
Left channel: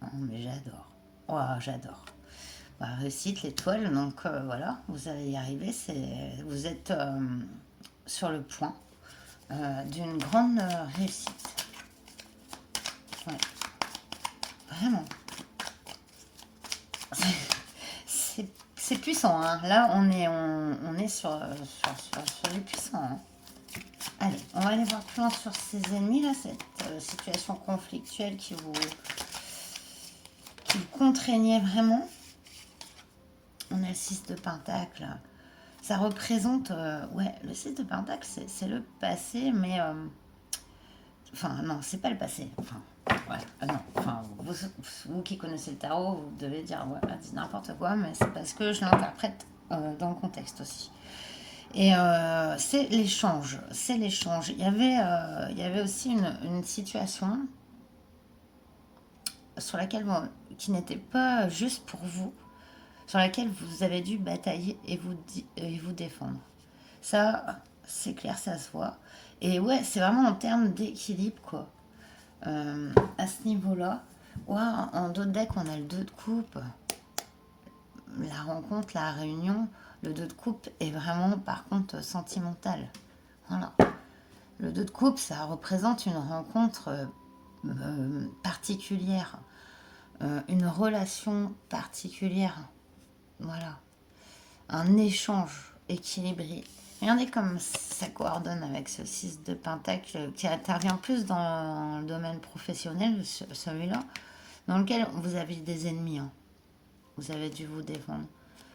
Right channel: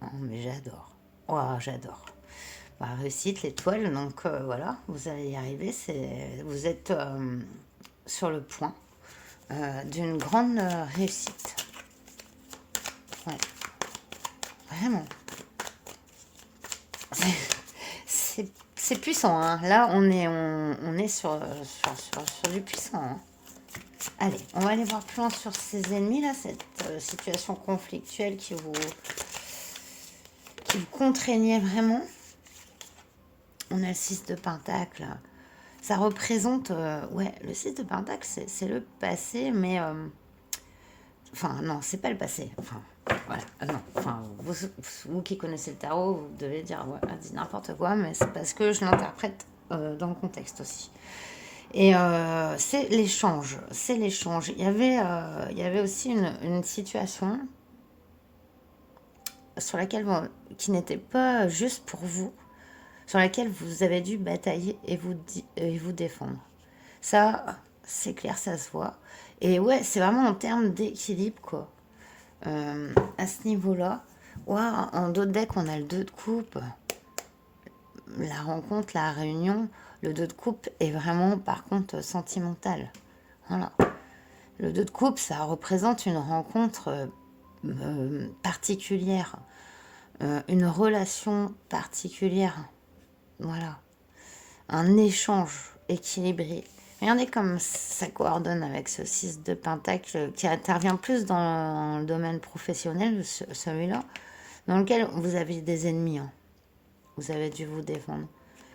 Oh, mais j'adore. Waouh, j'adore. Bah, réussite, l'étoile. Donc, voilà, vous allez y arriver. Vous êtes sur le point d'une grande réussite. Ouais. Vraiment. C'est puissant. Hein. Là, on est sur du puissant. Hein. Allez, on va aller voir plus loin sur ces ennemis, là, cette situation conflictuelle qui vous contraignez vraiment. On a le 6 de Pentacle. Ça représente... ouais, le 6 de Pentacle, c'est le passé, mais... enfin, non, c'est pas le passé. Enfin, voilà. Non, enfin, vous qui connaissez le tarot, vous devez dire, ouais, elle dit n'importe quoi, mais c'est parce que je l'interprète dans le contexte aussi. Et c'est l'échange. C'est l'échange. Il y avait aussi une situation sur laquelle, bon, qui n'était pas juste pour vous, sur laquelle vous avez dû batailler et vous défendre. Ça, c'est clair, ça se voit. Et ouais, c'est vraiment en termes d'équilibre, quoi. À ce niveau-là, ouais, en dos de deck, on a le 2 de coupe, la rencontre, la réunion. Le 2 de coupe est vraiment, par contre, sentimental. Voilà. Le 2 de coupe, ça représente une rencontre particulière, une relation particulière. Voilà. Un échange équilibré. Regardez comme ça coordonne avec ce 6 de Pentacle qui intervient plus dans le domaine professionnel, celui-là, dans lequel vous avez des ennemis. Hein. Vous avez dû vous défendre.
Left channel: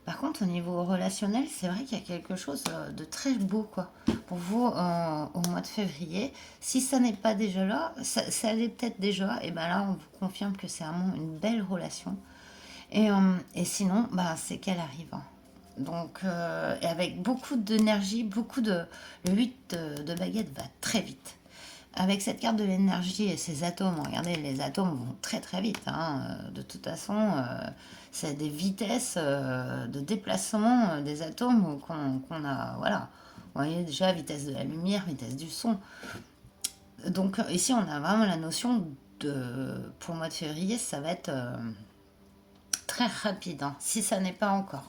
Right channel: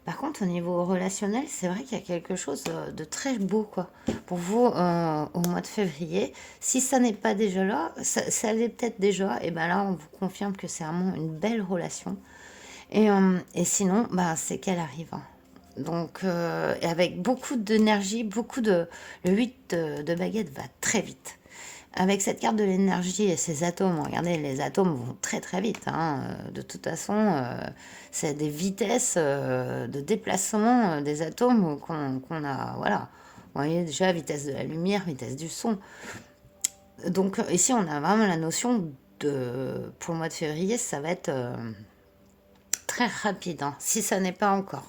Par contre, au niveau relationnel, c'est vrai qu'il y a quelque chose de très beau, quoi. Pour vous, au mois de février, si ça n'est pas déjà là, ça l'est peut-être déjà, et ben là, on vous confirme que c'est vraiment une belle relation. Et sinon, bah, c'est qu'elle arrive. Hein. Donc, avec beaucoup d'énergie, Le 8 de baguette va très vite. Avec cette carte de l'énergie et ces atomes, regardez, les atomes vont très très vite. Hein. De toute façon, c'est des vitesses de déplacement des atomes qu'on a. Voilà. Vous voyez déjà, vitesse de la lumière, vitesse du son. Donc ici, on a vraiment la notion de... Pour le mois de février, ça va être très rapide, hein, si ça n'est pas encore.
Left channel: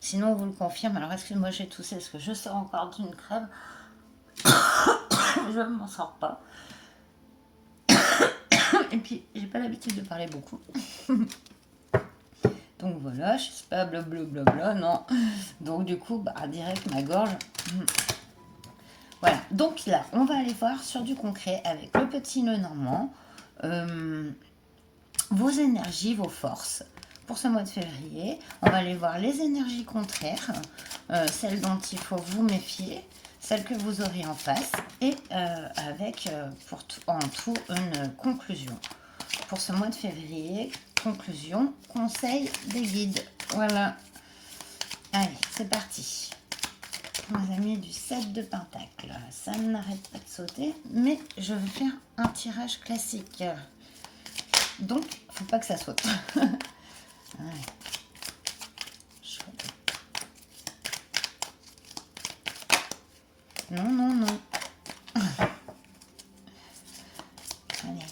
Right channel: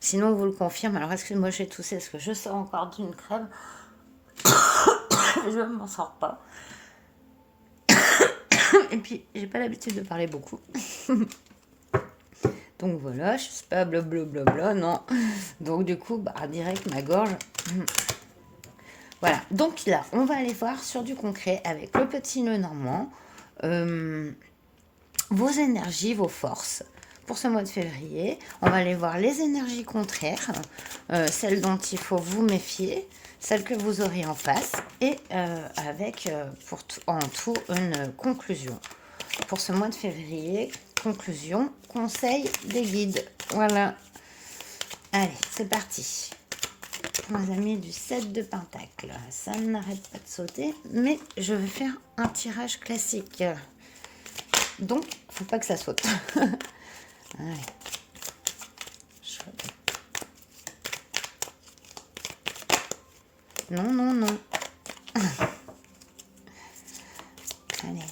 Sinon, on vous le confirme. Alors, excusez-moi, j'ai toussé parce que je sors encore d'une crève. Je ne m'en sors pas. Et puis, j'ai pas l'habitude de parler beaucoup. Donc voilà, je suis pas blablabla, non. Donc du coup, bah, direct ma gorge. Voilà, donc là, on va aller voir sur du concret avec le petit nœud normand. Vos énergies, vos forces pour ce mois de février. On va aller voir les énergies contraires, celles dont il faut vous méfier, celles que vous aurez en face, et avec en tout une conclusion. Pour ce mois de février, conclusion, conseil des guides. Voilà. Allez, c'est parti. Pour les amis du 7 de Pentacle, ça n'arrête pas de sauter, mais je vais faire un tirage classique. Donc, faut pas que ça saute. Allez. Non, non, non. Allez,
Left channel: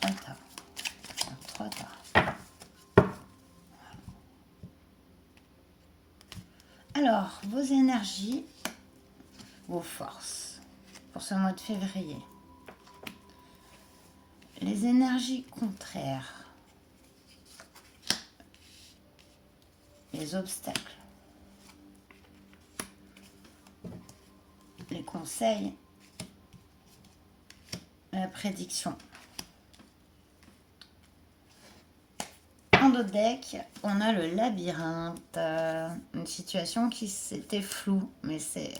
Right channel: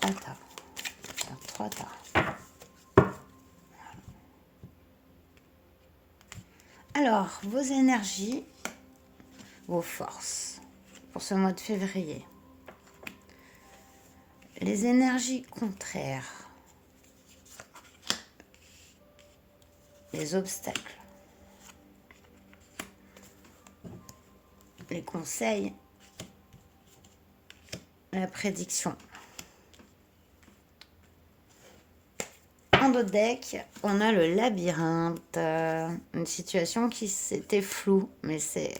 3 tas. 3 tas. Alors, vos énergies, vos forces pour ce mois de février. Les énergies contraires. Les obstacles. Les conseils. La prédiction. En dos de deck, on a le labyrinthe. Une situation qui c'était floue, mais c'est...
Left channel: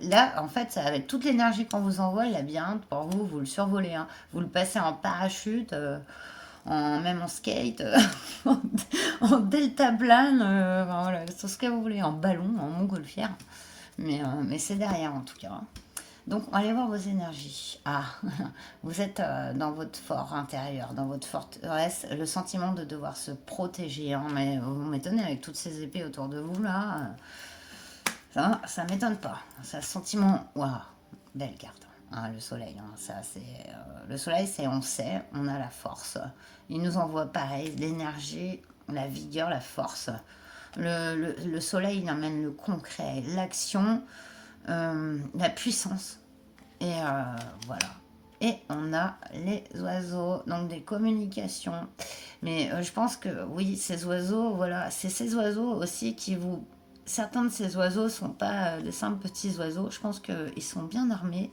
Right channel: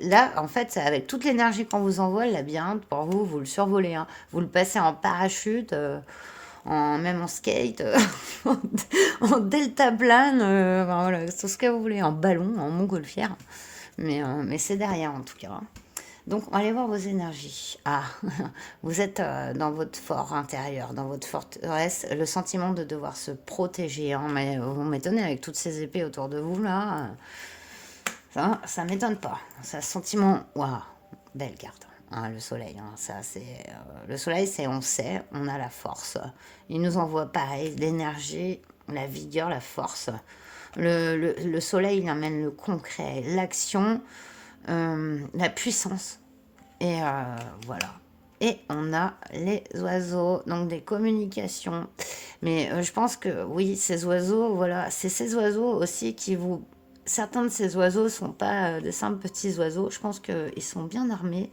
là, en fait, avec toute l'énergie qu'on vous envoie, le labyrinthe, pour vous, vous le survolez. Hein. Vous le passez en parachute, même en skate, en deltaplane, voilà, tout ce que vous voulez, en ballon, en montgolfière. Mais c'est derrière, en tout cas. Hein. Donc, allez voir vos énergies. Ah, vous êtes dans votre fort intérieur, dans votre forteresse, le sentiment de devoir se protéger. Hein, mais vous m'étonnez avec toutes ces épées autour de vous, là. Ça m'étonne pas. C'est un sentiment... Waouh, belle carte. Hein, le soleil, hein, ça c'est... le soleil, c'est on sait, on a la force. Il nous envoie pareil, l'énergie, la vigueur, la force. Le soleil, il amène le concret, l'action, la puissance. Et voilà. Et on a les oiseaux, donc des communications. Mais je pense que oui, ces oiseaux, voilà, c'est ces oiseaux aussi qui vous... Certains de ces oiseaux ne sont pas de simples petits oiseaux. Je pense qu'ils sont bien armés.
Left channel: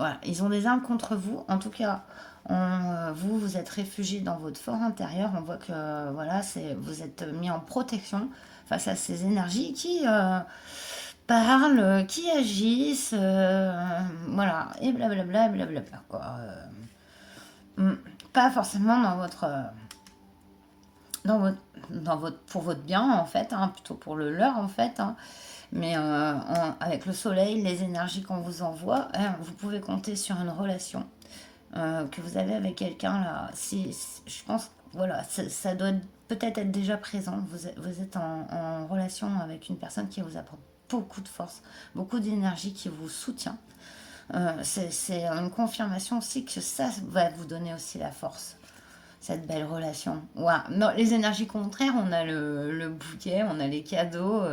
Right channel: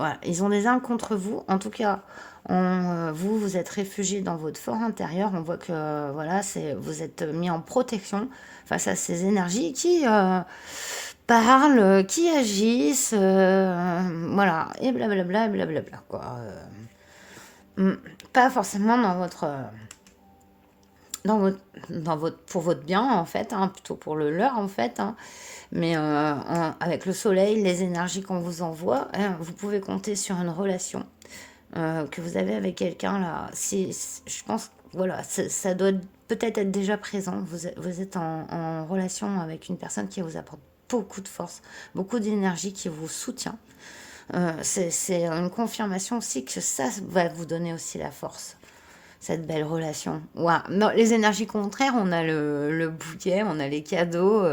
voilà, ils ont des armes contre vous. En tout cas, vous, vous êtes réfugié dans votre fort intérieur. On voit que voilà, vous êtes mis en protection face à ces énergies qui parlent, qui agissent, voilà, et blablabla, et blablabla, quoi. Pas forcément dans votre, pour votre bien en fait, hein, plutôt pour le leur en fait, hein. Mais avec le soleil, les énergies qu'on vous envoie, hein, vous pouvez compter sur une relation que vous avez avec quelqu'un là. Je pense, voilà, ça doit peut-être être déjà présent. Vous êtes en relation avec une personne qui vous apporte beaucoup de force, beaucoup d'énergie, qui vous soutient. C'est une confirmation aussi que ça va vous donner aussi la force, cette belle relation. Ouais. Non, les énergies contraires, on a le bouquet, on a les cadeaux,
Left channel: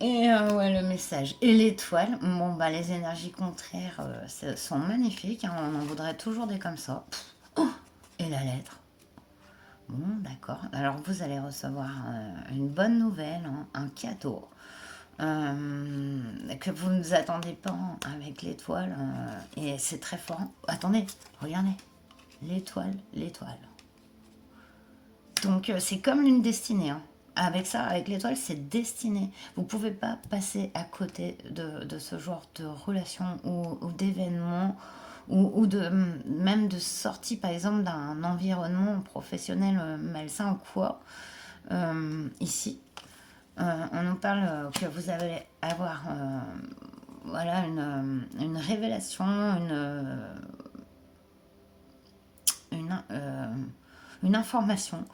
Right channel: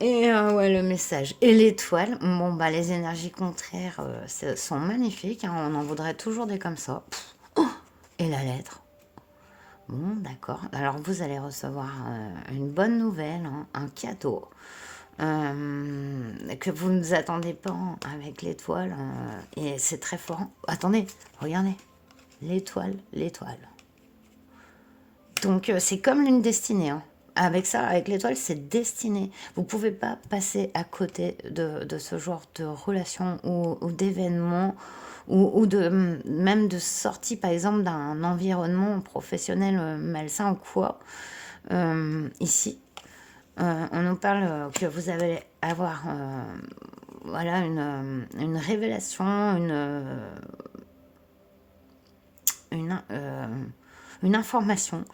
et ouais, le message. Et l'étoile, bon, bah, les énergies contraires sont magnifiques, hein, on en voudrait toujours des comme ça. Et la lettre. Bon, d'accord. Alors, vous allez recevoir une bonne nouvelle, hein, un cadeau. Que vous ne vous attendez pas, hein, avec l'étoile. Et c'est très fort. Attendez, regardez. L'étoile, l'étoile. Donc c'est comme l'une destinée, hein. Avec ça, avec l'étoile, c'est destiné. Vous ne pouvez pas passer à côté de ce genre de relation ou d'événements ou même de sortie, par exemple, d'un environnement professionnel malsain ou quoi. Ici, on nous parle que vous allez avoir voilà, une révélation, une, euh, une information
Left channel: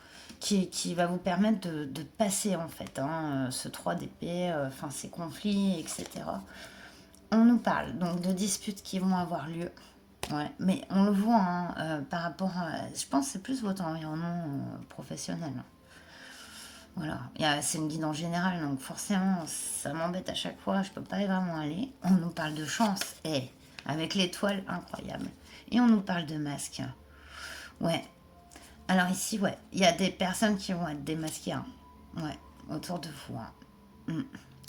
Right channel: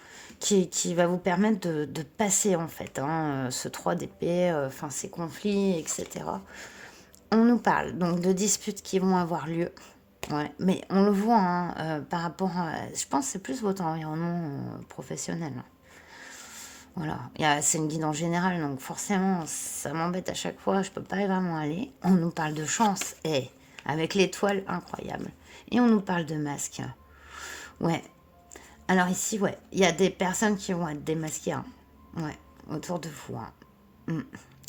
qui va vous permettre de passer en fait, hein, ce 3 d'épée, enfin ces conflits, etc. On nous parle donc de disputes qui vont avoir lieu. Ouais, mais on le voit, hein, par rapport à... Je pense que c'est plus votre environnement professionnel. Voilà, c'est une guide en général, donc forcément, ça m'embête à chaque fois, je peux pas vraiment aller. On nous parle de chance, et avec l'étoile incroyable. Et on nous parle de masque. Ouais, alors ici, ouais, il y a des personnes qui vont être démasquées, hein. Ouais, autour de vous, hein.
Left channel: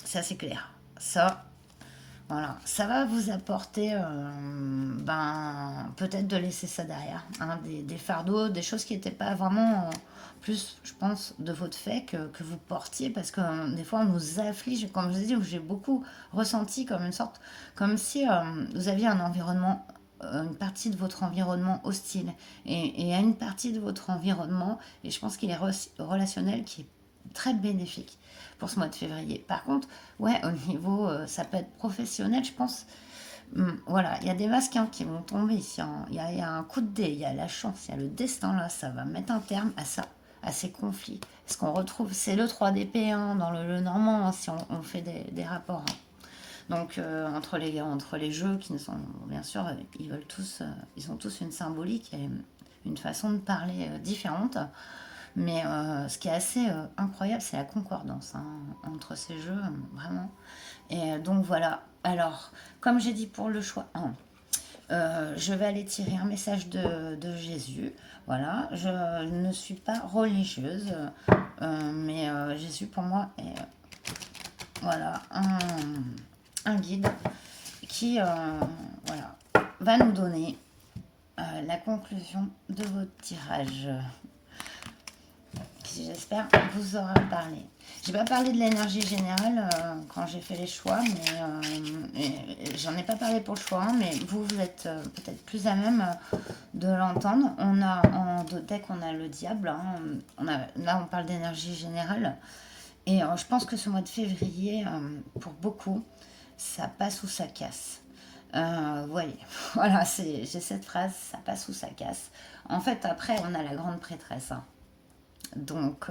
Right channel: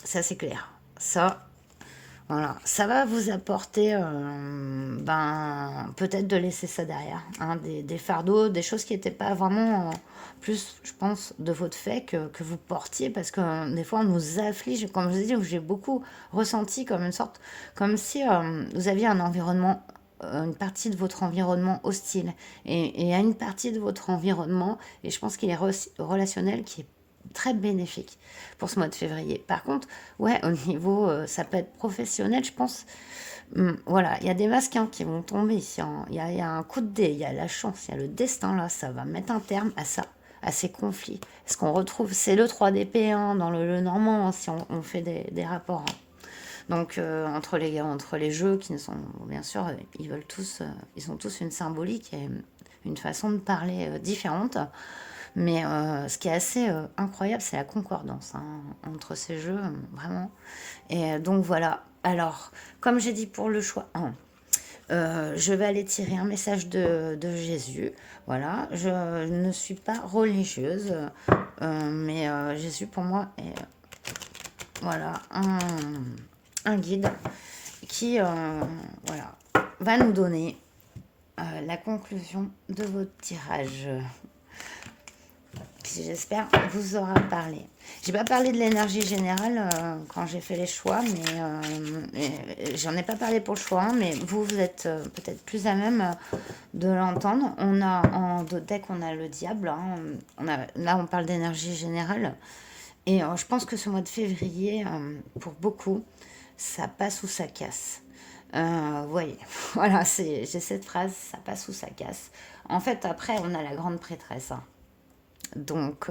Ça, c'est clair. Ça, voilà, ça va vous apporter, ben, peut-être de laisser ça derrière, hein, des fardeaux, des choses qui n'étaient pas vraiment plus, je pense, de votre fait que vous portiez, parce que des fois, on nous afflige, comme je vous ai dit, j'ai beaucoup ressenti comme une sorte, comme si vous aviez un environnement, une partie de votre environnement hostile, et à une partie de votre environnement, et je pense qu'il est relationnel, qui est très bénéfique pour ce mois de février. Par contre, ouais, au niveau, ça peut être professionnel, je pense. Voilà, il y a des masques, hein, qui vont tomber ici, hein. Il y a un coup de dé, il y a la chance, il y a le destin là, ça va mettre un terme à ça, à ces conflits. Ce qu'on retrouve, c'est le 3 d'épée, hein, dans le normand, hein, si on fait des rapports, hein. Donc entre les jeux qui ne sont, bien sûr, ils veulent tous, ils ont tous une symbolique et une façon de parler différente. Mais ce qui est assez incroyable, c'est la concordance, hein, entre ces jeux, vraiment. Et donc voilà. Alors, comme j'ai dit pour le choix 1, je vais aller tirer un message de Jésus. Voilà, je ne suis pas religieuse, mais Jésus pour moi est, voilà, un guide qui voilà, va nous donner la conclusion de votre tirage. J'espère vous aura parlé. J'ai pas parlé de l'énergie générale quand j'ai fait les choix, mais j'en ai pas parlé pour le choix, hein, mais vous êtes peut-être plus à même de l'entendre. On a en deck, on a le diable, hein. Là, on parle d'énergie générale. Et je pense que ce mois de février, pour beaucoup, ça passe ou ça casse. Vous voyez, voilà, j'ai cette phrase, ça passe ou ça casse. En fait, après, on a la grande prêtresse, hein. Donc,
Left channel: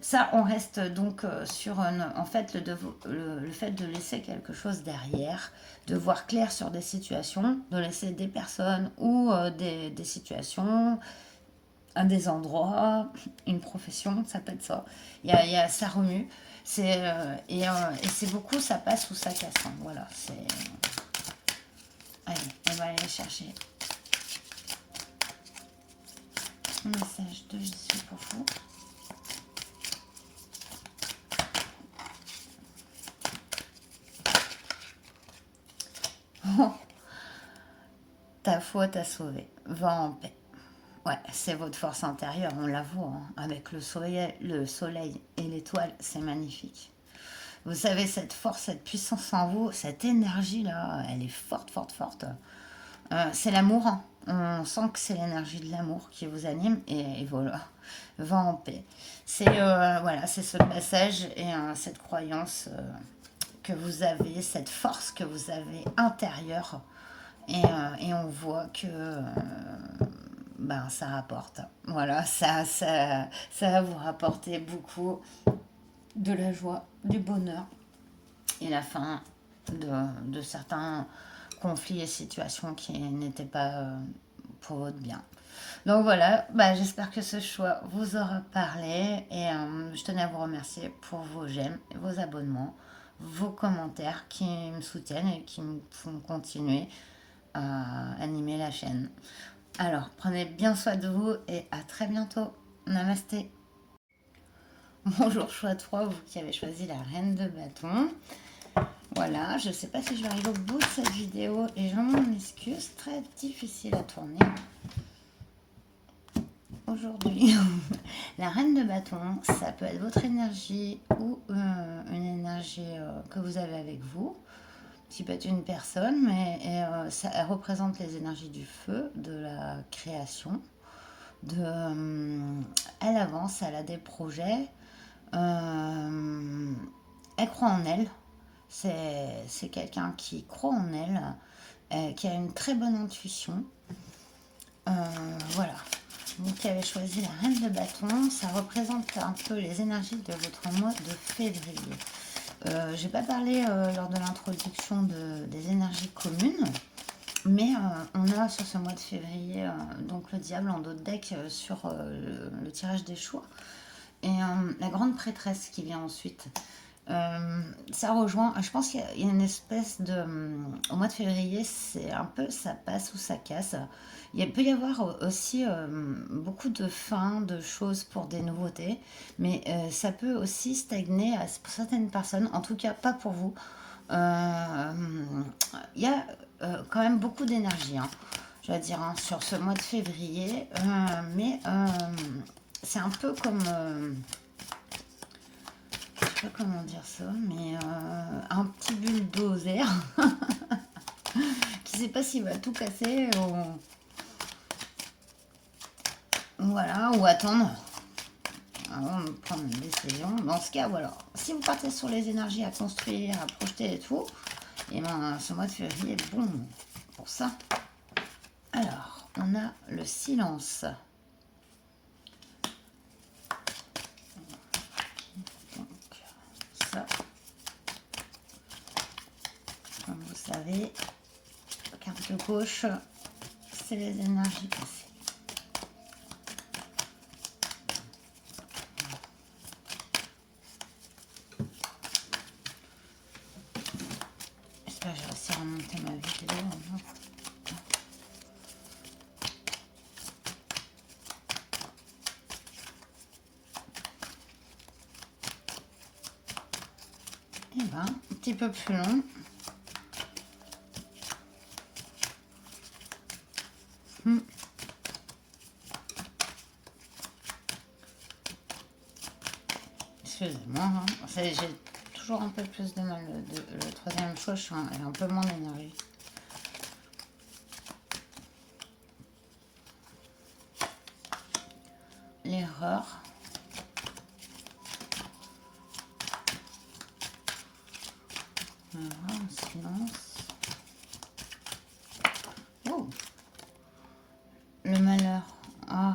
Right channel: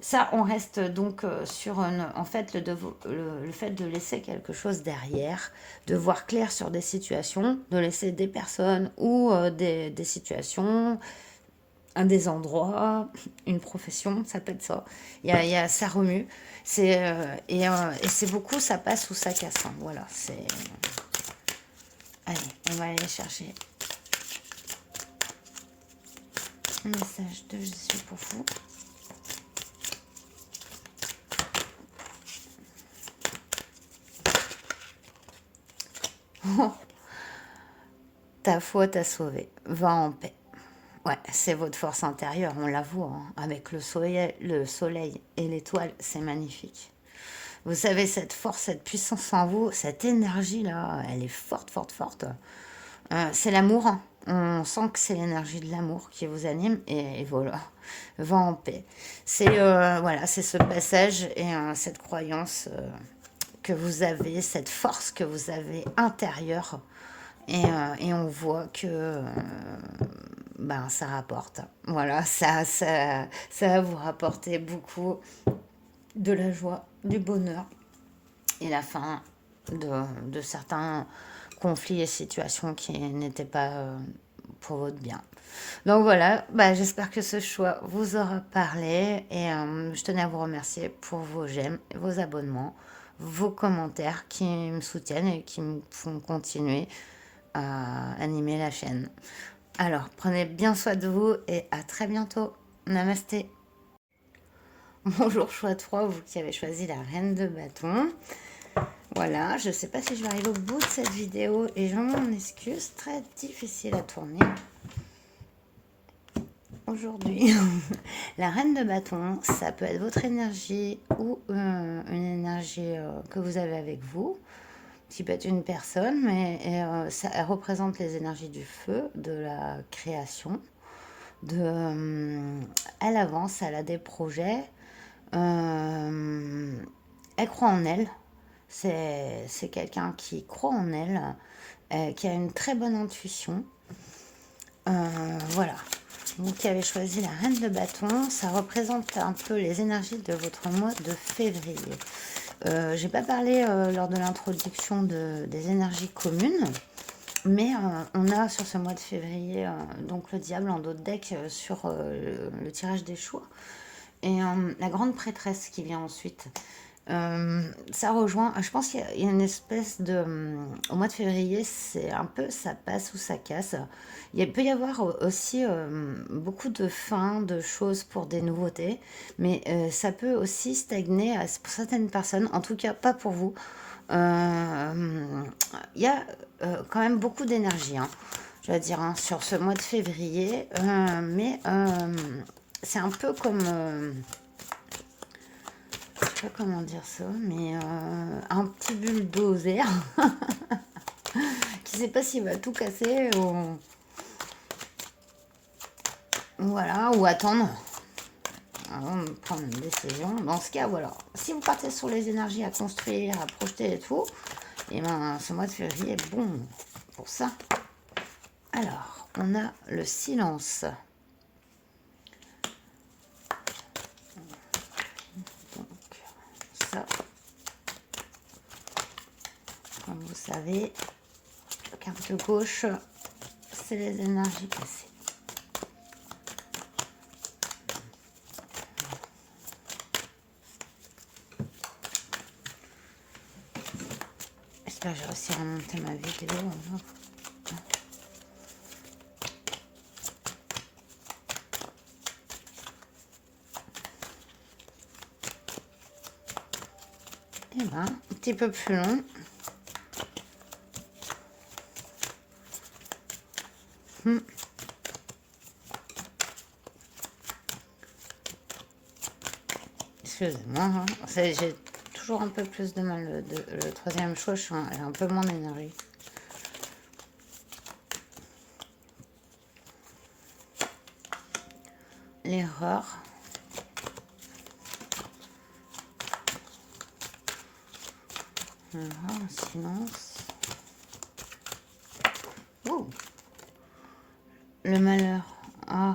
ça, on reste donc sur en fait le fait de laisser quelque chose derrière, de voir clair sur des situations, de laisser des personnes ou des situations, des endroits, une profession, ça peut être ça. Ça remue. Et c'est beaucoup, ça passe ou ça casse, hein. Voilà, c'est... Allez, on va aller chercher un message de Jésus pour vous. Ta foi t'a sauvé. Va en paix. Ouais, c'est votre force intérieure, on la voit, hein. Avec le soleil et l'étoile, c'est magnifique. Vous savez, cette force, cette puissance en vous, cette énergie-là, elle est forte, forte, forte. C'est l'amour, hein. On sent que c'est l'énergie de l'amour qui vous anime et voilà, va en paix. C'est voilà, c'est ce passage et cette croyance que vous avez, cette force que vous avez intérieure et on voit que ben, ça rapporte. Voilà, ça va vous rapporter beaucoup de la joie, du bonheur et la fin de certains conflits et situations qui n'étaient pas pour votre bien. Donc voilà, bah, j'espère que ce choix vous aura parlé et je tenais à vous remercier pour vos j'aime, vos abonnements, vos commentaires qui me soutiennent et qui me font continuer à animer la chaîne. Alors, prenez bien soin de vous et à très bientôt. Namasté. Bonjour choix 3, vous qui avez choisi la reine de bâton. Voilà, je ne sais pas si je vais arriver au bout de cette vidéo et je m'en excuse, très difficile à tourner aujourd'hui. La reine de bâton, ça peut être votre énergie ou une énergie que vous avez avec vous, qui peut être une personne, mais elle représente les énergies du feu, de la création. Elle avance, elle a des projets, elle croit en elle. C'est quelqu'un qui croit en elle, qui a une très bonne intuition. Voilà. Vous qui avez choisi la reine de bâton, ça représente un peu les énergies de votre mois de février. J'ai pas parlé lors de l'introduction des énergies communes, mais on a sur ce mois de février donc le diable en dos de deck sur le tirage des choix et la grande prêtresse qui vient ensuite. Ça rejoint, je pense qu'il y a une espèce de... Au mois de février, c'est un peu ça passe ou ça casse. Il peut y avoir aussi beaucoup de fins, de choses pour des nouveautés, mais ça peut aussi stagner pour certaines personnes, en tout cas pas pour vous. Il y a quand même beaucoup d'énergie, hein, je dois dire, hein, sur ce mois de février, mais c'est un peu comme... je sais pas comment dire ça, mais un petit bulldozer qui sait pas s'il va tout casser ou voilà, ou attendre avant de prendre une décision. Dans ce cas, voilà. Si vous partez sur les énergies à construire, à projeter et tout, et ben ce mois de février est bon pour ça. Alors, on a le silence. Donc, ça, comme vous savez, la carte de gauche, c'est les énergies passées. J'espère que j'ai réussi à remonter ma vidéo. Et ben, un petit peu plus long. Excusez-moi, hein. J'ai toujours un peu plus de mal. Le troisième choix, j'ai un peu moins d'énergie. L'erreur. L'erreur, silence. Oh. Le malheur. Oh.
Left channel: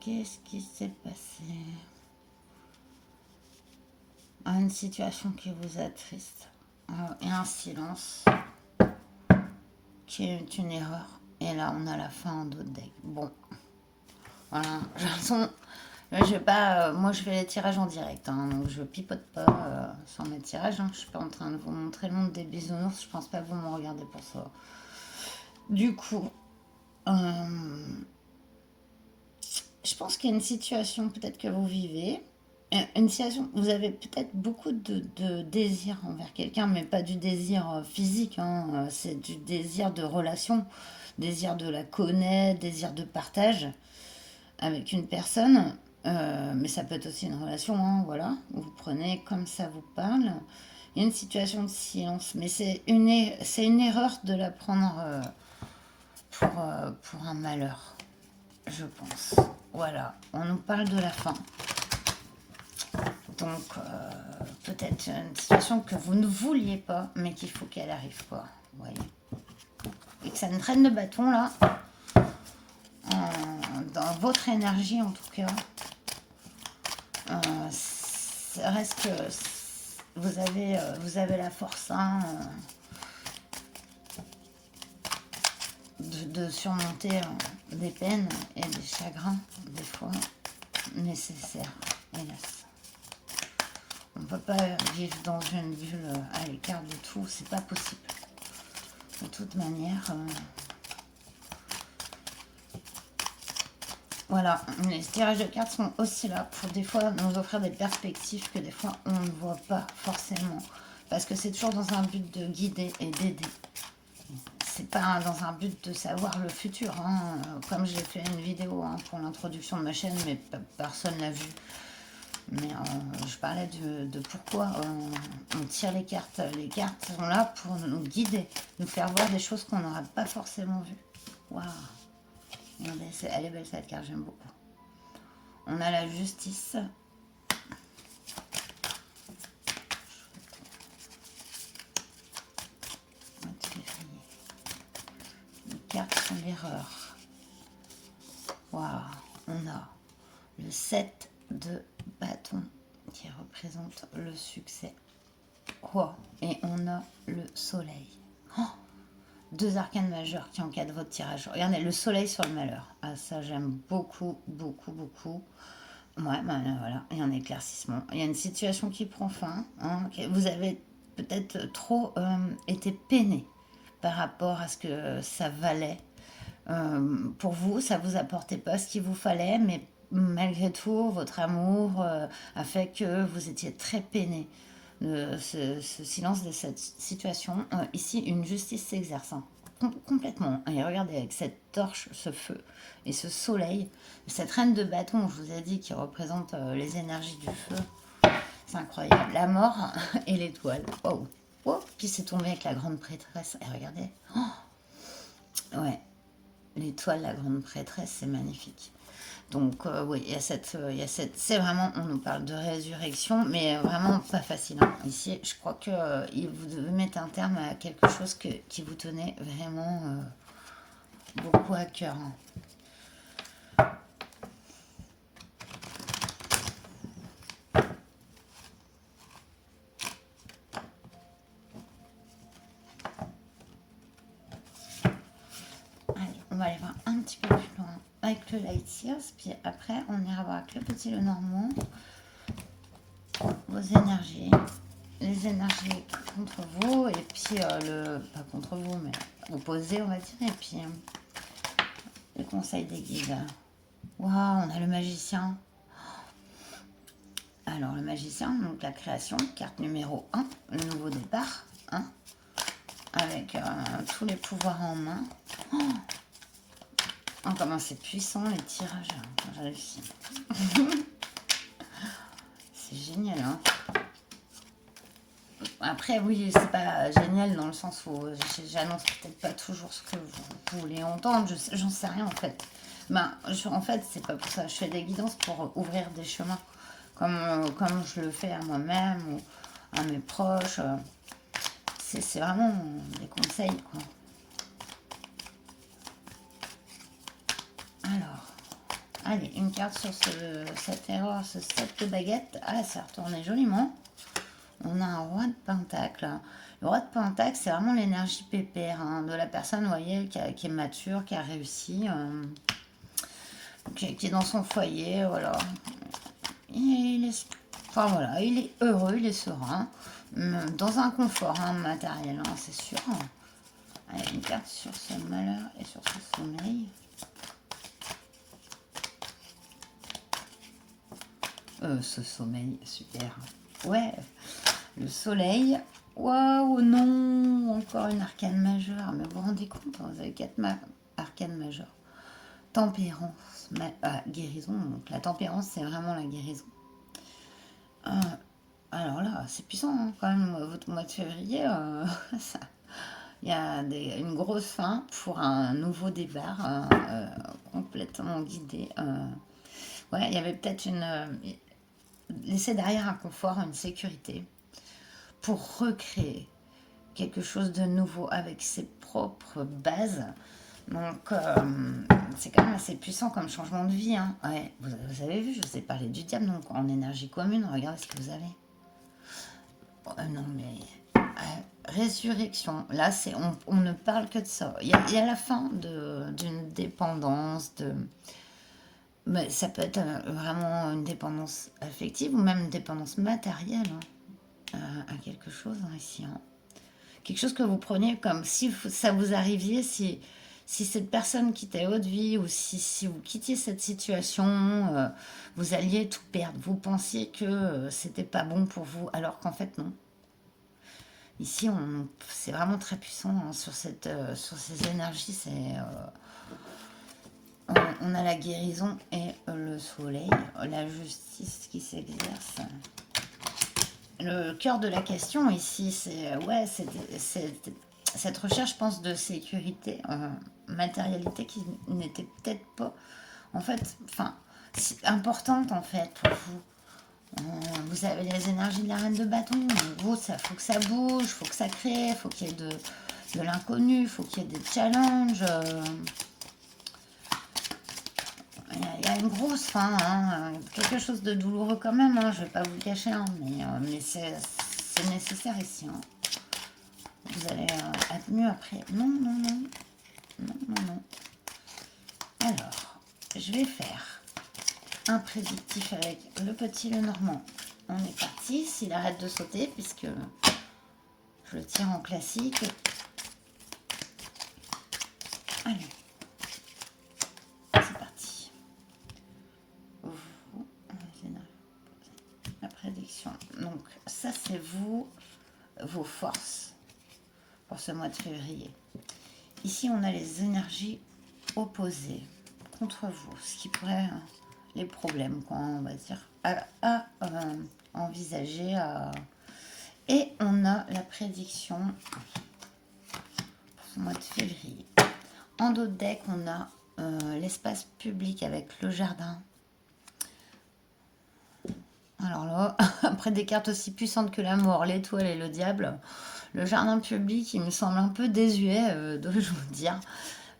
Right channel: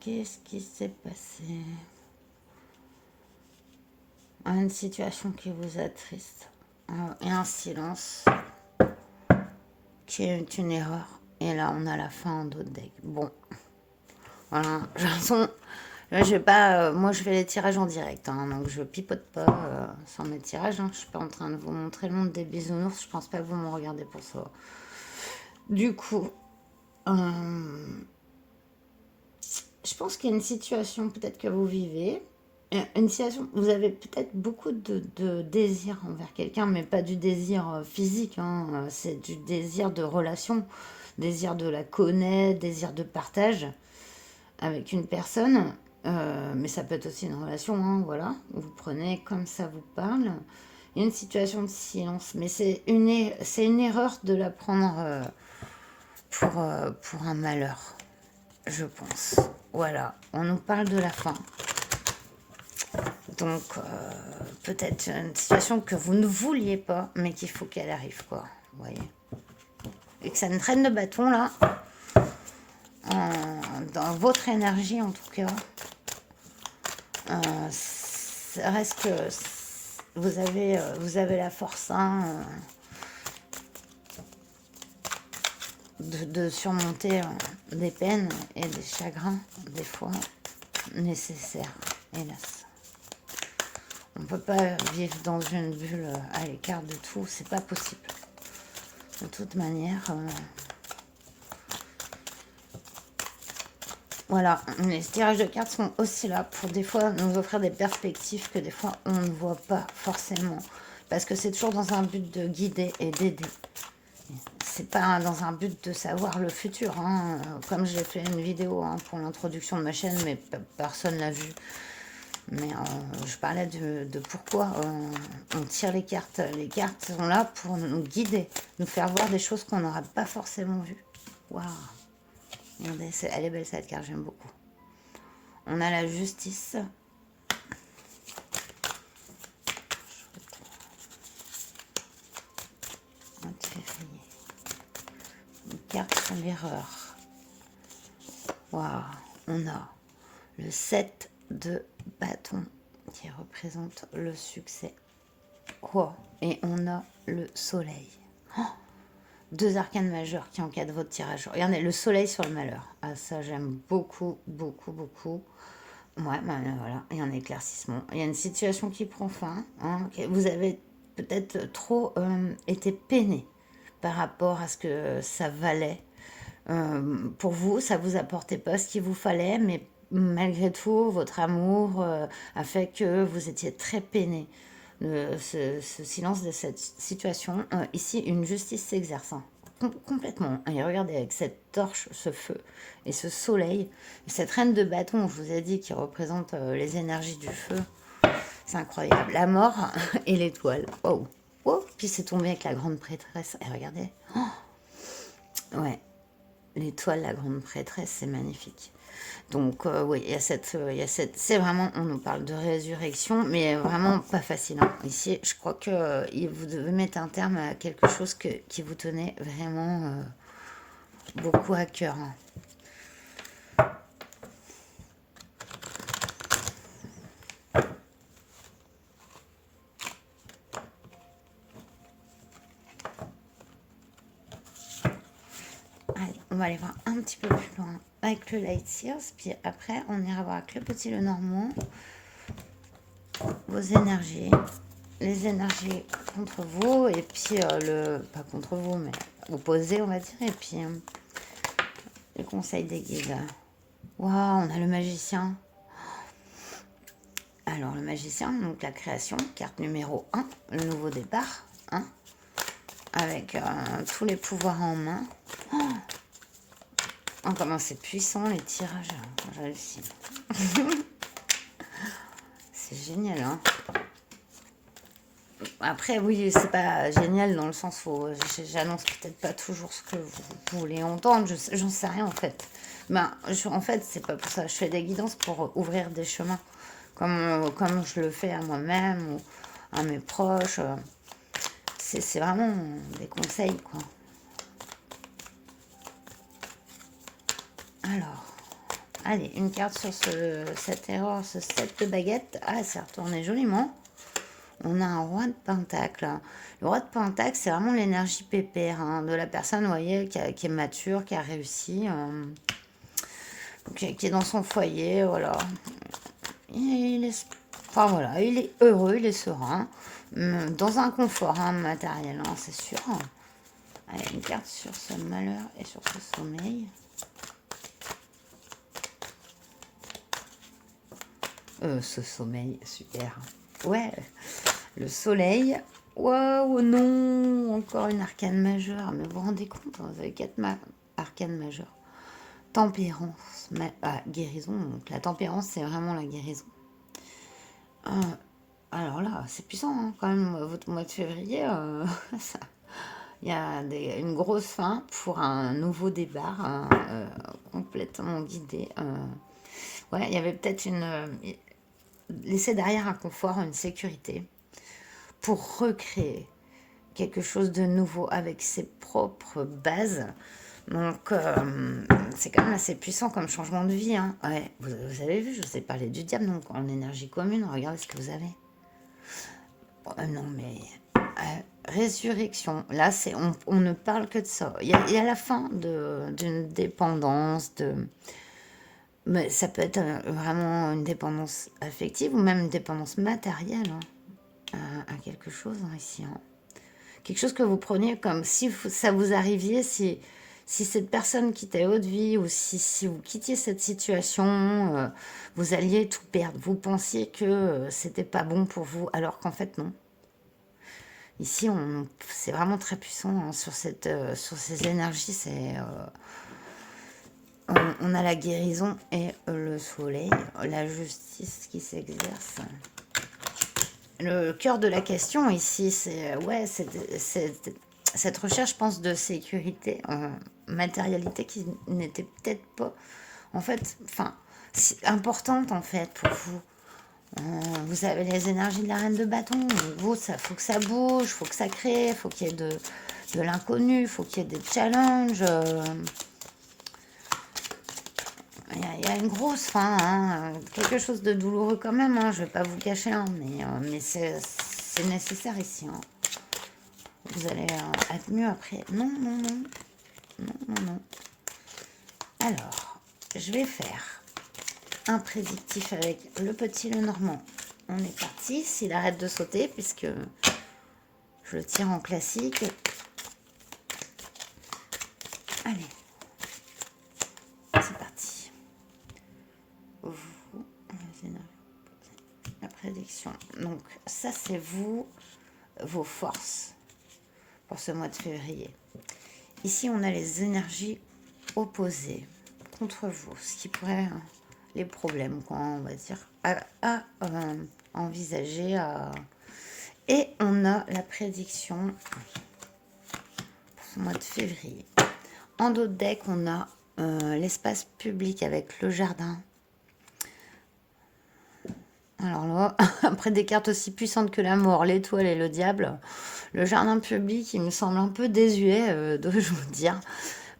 Qu'est-ce qui s'est passé? Une situation qui vous attriste. Et un silence qui est une erreur. Et là, on a la fin en dos de deck. Bon. Voilà. De toute façon, je vais pas, moi, je fais les tirages en direct. Hein, donc, je pipote pas sur mes tirages. Hein. Je suis pas en train de vous montrer le monde des bisounours. Je pense pas que vous me regardez pour ça. Du coup, je pense qu'il y a une situation peut-être que vous vivez une situation, vous avez peut-être beaucoup de désir envers quelqu'un, mais pas du désir physique, hein, c'est du désir de relation, désir de la connaître, désir de partage avec une personne, mais ça peut être aussi une relation, hein, voilà, vous prenez comme ça vous parle. Il y a une situation de silence, mais c'est une erreur de la prendre pour un malheur, je pense. Voilà, on nous parle de la fin. Donc, peut-être une situation que vous ne vouliez pas, mais qu'il faut qu'elle arrive, quoi. Vous voyez. Et que ça ne traîne de bâton, là, dans votre énergie, en tout cas. Ça reste que vous avez la force, hein, de surmonter des peines et des chagrins, des fois, nécessaires, hélas. On ne peut pas vivre dans une bulle à l'écart de tout, c'est pas possible. De toute manière, voilà, les tirages de cartes sont aussi là pour des fois nous offrir des perspectives que des fois on ne voit pas forcément. Parce que c'est toujours dans un but de guider et d'aider. C'est pas dans un but de savoir le futur, hein. Comme j'ai fait une vidéo, hein, pour l'introduction de ma chaîne, mais personne l'a vu. Mais je parlais de pourquoi on tire les cartes. Les cartes sont là pour nous guider, nous faire voir des choses qu'on n'aurait pas forcément vues. Waouh! Regardez, elle est belle cette carte, j'aime beaucoup. On a la justice. Une carte sur l'erreur. Waouh! On a le 7 de bâton qui représente le succès. Oh, et on a le soleil. Oh, deux arcanes majeures qui encadrent votre tirage. Regardez, le soleil sur le malheur. Ah, ça, j'aime beaucoup, beaucoup, beaucoup. Ouais, ben, voilà, il y a un éclaircissement. Il y a une situation qui prend fin, hein. Vous avez peut-être trop été peiné par rapport à ce que ça valait. Pour vous, ça vous apportait pas ce qu'il vous fallait, mais malgré tout, votre amour a fait que vous étiez très peiné. Ce silence de cette situation. Ici, une justice s'exerce, hein, complètement. Et regardez, avec cette torche, ce feu et ce soleil, et cette reine de bâton, je vous ai dit, qui représente les énergies du feu, c'est incroyable. La mort et l'étoile. Oh, oh, puis c'est tombé avec la grande prêtresse. Et regardez. Oh, ouais, l'étoile, la grande prêtresse, c'est magnifique. Donc oui, il y a cette, c'est vraiment, on nous parle de résurrection, mais vraiment pas facile, hein. Ici, je crois que vous devez mettre un terme à quelque chose qui vous tenait vraiment beaucoup à cœur, hein. Allez, on va aller voir un petit peu plus loin avec le Light Sears, puis après on ira voir avec le petit le normand vos énergies, les énergies contre vous, et puis pas contre vous, mais opposé, on va dire, et puis le conseil des guides. Waouh, on a le magicien. Alors, le magicien, donc la création, carte numéro 1, le nouveau départ, hein, avec tous les pouvoirs en main. Oh, comment c'est puissant les tirages, j'ai réussi. C'est génial, hein. Après, oui, c'est pas génial dans le sens où j'annonce peut-être pas toujours ce que vous voulez entendre, j'en sais rien en fait. Ben, en fait, c'est pas pour ça. Je fais des guidances pour ouvrir des chemins, comme je le fais à moi-même ou à mes proches. C'est vraiment des conseils, quoi. Alors, allez, une carte sur cette erreur, ce 7 de baguette. Ah, c'est retourné joliment. On a un roi de pentacle. Le roi de pentacle, c'est vraiment l'énergie pépère, hein, de la personne, vous voyez, qui est mature, qui a réussi, qui est dans son foyer, voilà. Il est, enfin, voilà, il est heureux, il est serein, dans un confort, hein, matériel, hein, c'est sûr. Allez, une carte sur ce malheur et sur ce sommeil. Ce sommeil, super. Ouais, le soleil. Waouh, non, encore une arcane majeure. Mais vous vous rendez compte, vous avez 4 arcanes majeures. Tempérance, guérison. Donc la tempérance, c'est vraiment la guérison. Euh, alors là, c'est puissant hein, quand même, votre mois de février. Il y a une grosse fin pour un nouveau départ complètement guidé. Ouais, il y avait peut-être laisser derrière un confort, une sécurité, pour recréer quelque chose de nouveau avec ses propres bases. Donc, c'est quand même assez puissant comme changement de vie. Hein. Ouais, vous avez vu, je vous ai parlé du diable, donc en énergie commune, regardez ce que vous avez. Non, mais résurrection, là, on ne parle que de ça. Il y a la fin d'une dépendance, mais ça peut être vraiment une dépendance affective ou même une dépendance matérielle à quelque chose hein, ici. Hein. Quelque chose que vous preniez comme si ça vous arriviez, si cette personne quittait votre vie ou si vous quittiez cette situation, vous alliez tout perdre. Vous pensiez que c'était pas bon pour vous, alors qu'en fait non. Ici, c'est vraiment très puissant hein, sur ces énergies. On a la guérison et le soleil, la justice qui s'exerce. Le cœur de la question ici, c'est ouais, cette recherche, je pense, de sécurité, matérialité qui n'était peut-être pas, en fait, enfin, importante en fait pour vous. Vous avez les énergies de la reine de bâton. Vous, ça faut que ça bouge, faut que ça crée, faut qu'il y ait de l'inconnu, faut qu'il y ait des challenges. Il y a une grosse fin, hein, quelque chose de douloureux quand même, hein, je ne vais pas vous le cacher, hein, mais c'est nécessaire ici. Hein. Vous allez être mieux après. Non, non, non, non, non, non. Alors, je vais faire un prédictif avec le petit le normand. On est parti, s'il arrête de sauter, puisque je le tire en classique. Allez, c'est parti. La prédiction. Donc, ça, c'est vous, vos forces pour ce mois de février. Ici, on a les énergies opposées contre vous, ce qui pourrait les problèmes, quoi, on va dire, à envisager. Et on a la prédiction pour ce mois de février. En dos de deck, on a l'espace public avec le jardin. Alors là, après des cartes aussi puissantes que la mort, l'étoile et le diable, le jardin public, il me semble un peu désuet, dois-je vous dire.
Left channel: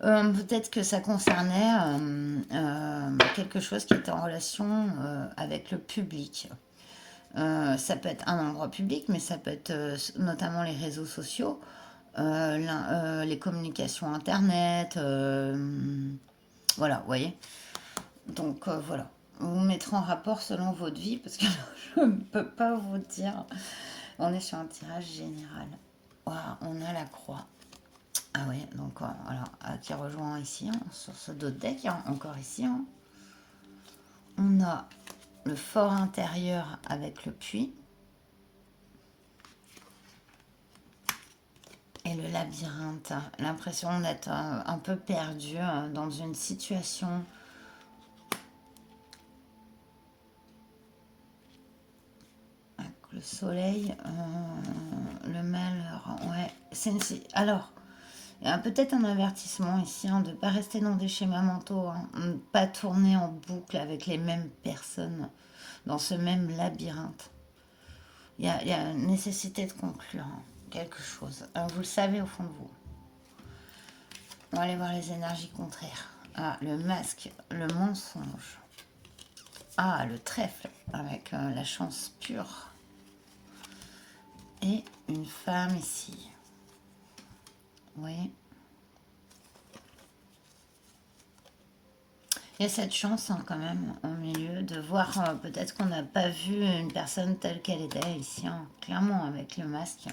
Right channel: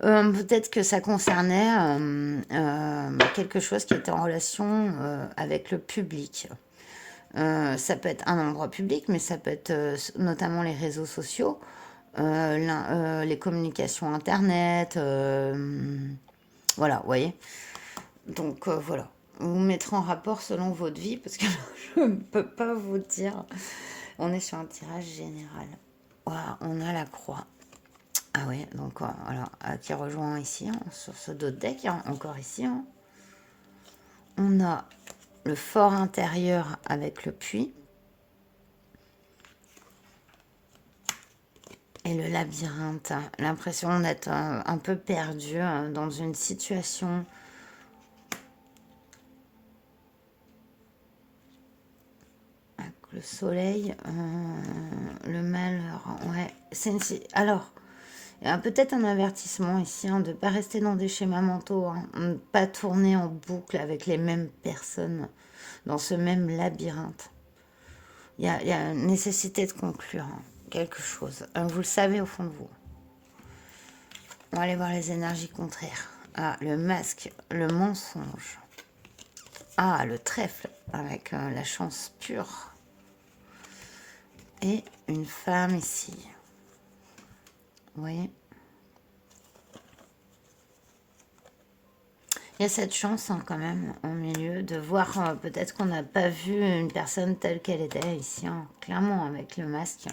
Peut-être que ça concernait quelque chose qui était en relation avec le public. Ça peut être un endroit public, mais ça peut être notamment les réseaux sociaux, les communications internet, voilà, vous voyez. Donc voilà, vous mettrez en rapport selon votre vie, parce que je ne peux pas vous dire. On est sur un tirage général. Voilà, on a la croix. Ah ouais, donc voilà, qui rejoint ici, hein, sur ce dos de deck, hein, encore ici. Hein. On a le fort intérieur avec le puits. Et le labyrinthe. Hein. L'impression d'être un peu perdu hein, dans une situation. Avec le soleil, le malheur. Ouais, alors. Il y a peut-être un avertissement ici hein, de ne pas rester dans des schémas mentaux, hein, de ne pas tourner en boucle avec les mêmes personnes dans ce même labyrinthe. Il y a une nécessité de conclure hein, quelque chose. Vous le savez au fond de vous. On va aller voir les énergies contraires. Ah, le masque, le mensonge. Ah, le trèfle avec la chance pure. Et une femme ici. Vous voyez ? Il y a cette chance hein, quand même au milieu de voir peut-être qu'on n'a pas vu une personne telle qu'elle était ici, hein, clairement avec le masque.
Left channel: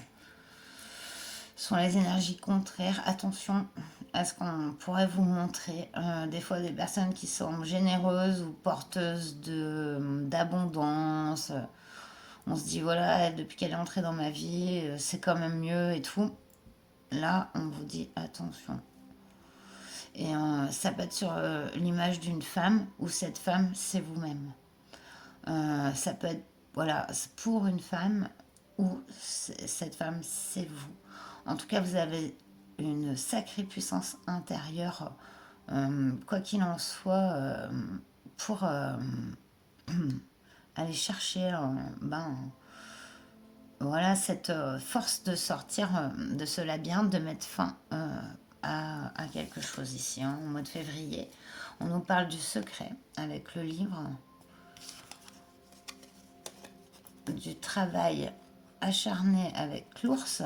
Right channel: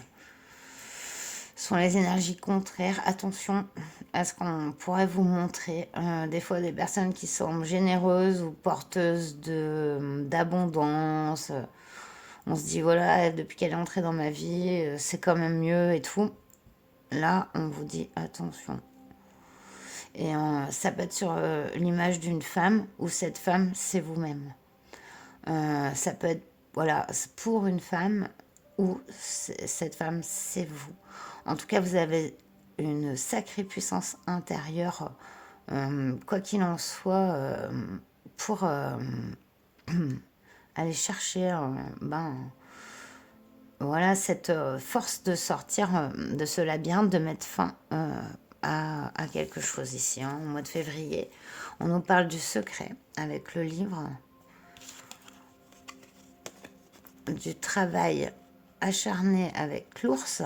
Ce sont les énergies contraires. Attention, est-ce qu'on pourrait vous montrer des fois des personnes qui sont généreuses ou porteuses d'abondance. On se dit, voilà, depuis qu'elle est entrée dans ma vie, c'est quand même mieux et tout. Là, on vous dit, attention. Et ça peut être sur l'image d'une femme, ou cette femme, c'est vous-même. Ça peut être, voilà, pour une femme, ou cette femme, c'est vous. En tout cas, vous avez une sacrée puissance intérieure, quoi qu'il en soit, pour aller chercher ben, voilà, cette force de sortir de ce labyrinthe, de mettre fin à quelque chose ici, hein, au mois de février. On nous parle du secret avec le livre, du travail acharné avec l'ours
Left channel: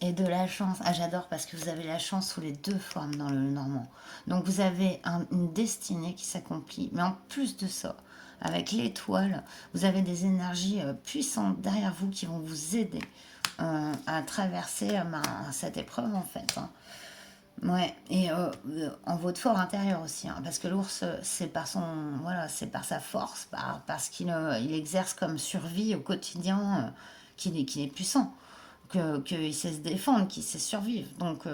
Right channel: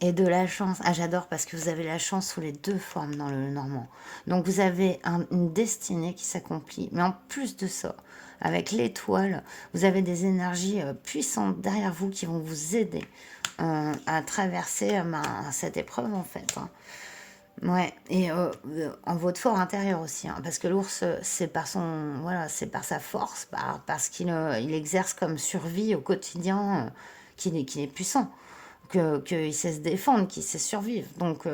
et de la chance. Ah, j'adore parce que vous avez la chance sous les deux formes dans le normand. Donc vous avez une destinée qui s'accomplit, mais en plus de ça, avec l'étoile, vous avez des énergies puissantes derrière vous qui vont vous aider à traverser cette épreuve en fait, hein. Ouais, et en votre fort intérieur aussi, hein, parce que l'ours, c'est par son, voilà, c'est par sa force, parce qu'il il exerce comme survie au quotidien, qu'il est puissant, qu'il sait se défendre, qu'il sait survivre. Donc,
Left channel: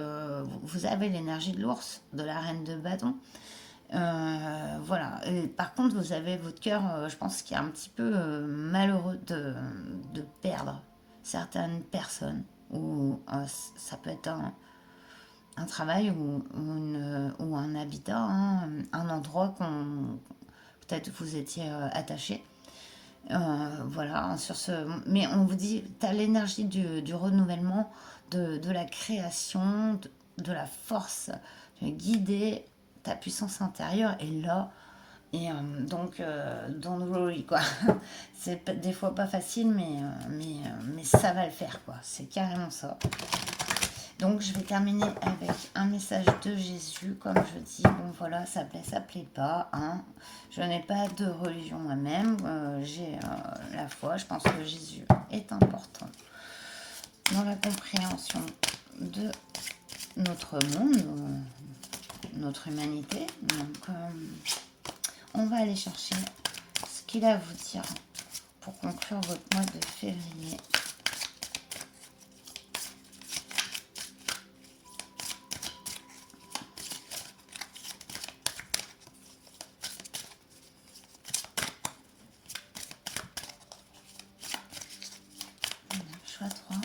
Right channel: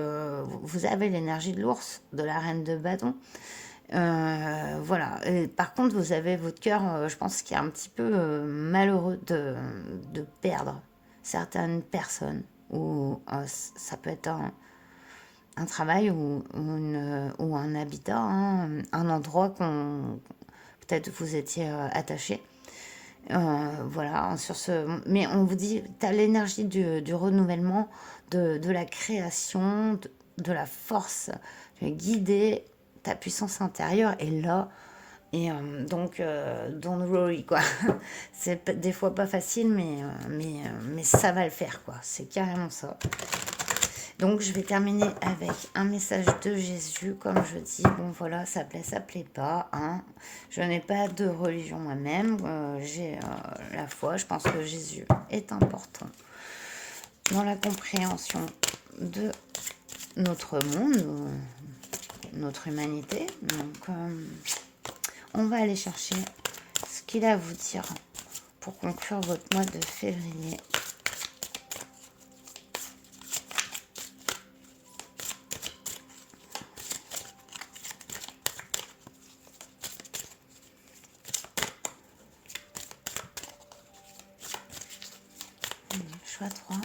vous avez l'énergie de l'ours, de la reine de bâton. Voilà. Et par contre, vous avez votre cœur, je pense, qui est un petit peu malheureux de perdre certaines personnes, ou ça peut être un travail ou un habitat, hein, un endroit qu'on peut-être vous étiez attaché. Voilà, sur ce. Mais on vous dit, tu as l'énergie du renouvellement, de la création, de la force. Tu es guidé, ta puissance intérieure est là. Et donc, don't worry, quoi. C'est des fois pas facile, mais ça va le faire, quoi. C'est carrément ça. Donc, je vais terminer avec un message de Jésus. Comme je dis, bon voilà, ça plaît pas, hein. Je n'ai pas de religion moi-même. J'ai la foi. Je pense que Jésus est important dans la compréhension de notre monde, notre humanité. Donc, on va aller chercher ce qu'il a à vous dire pour conclure votre mois de février. Choix 3.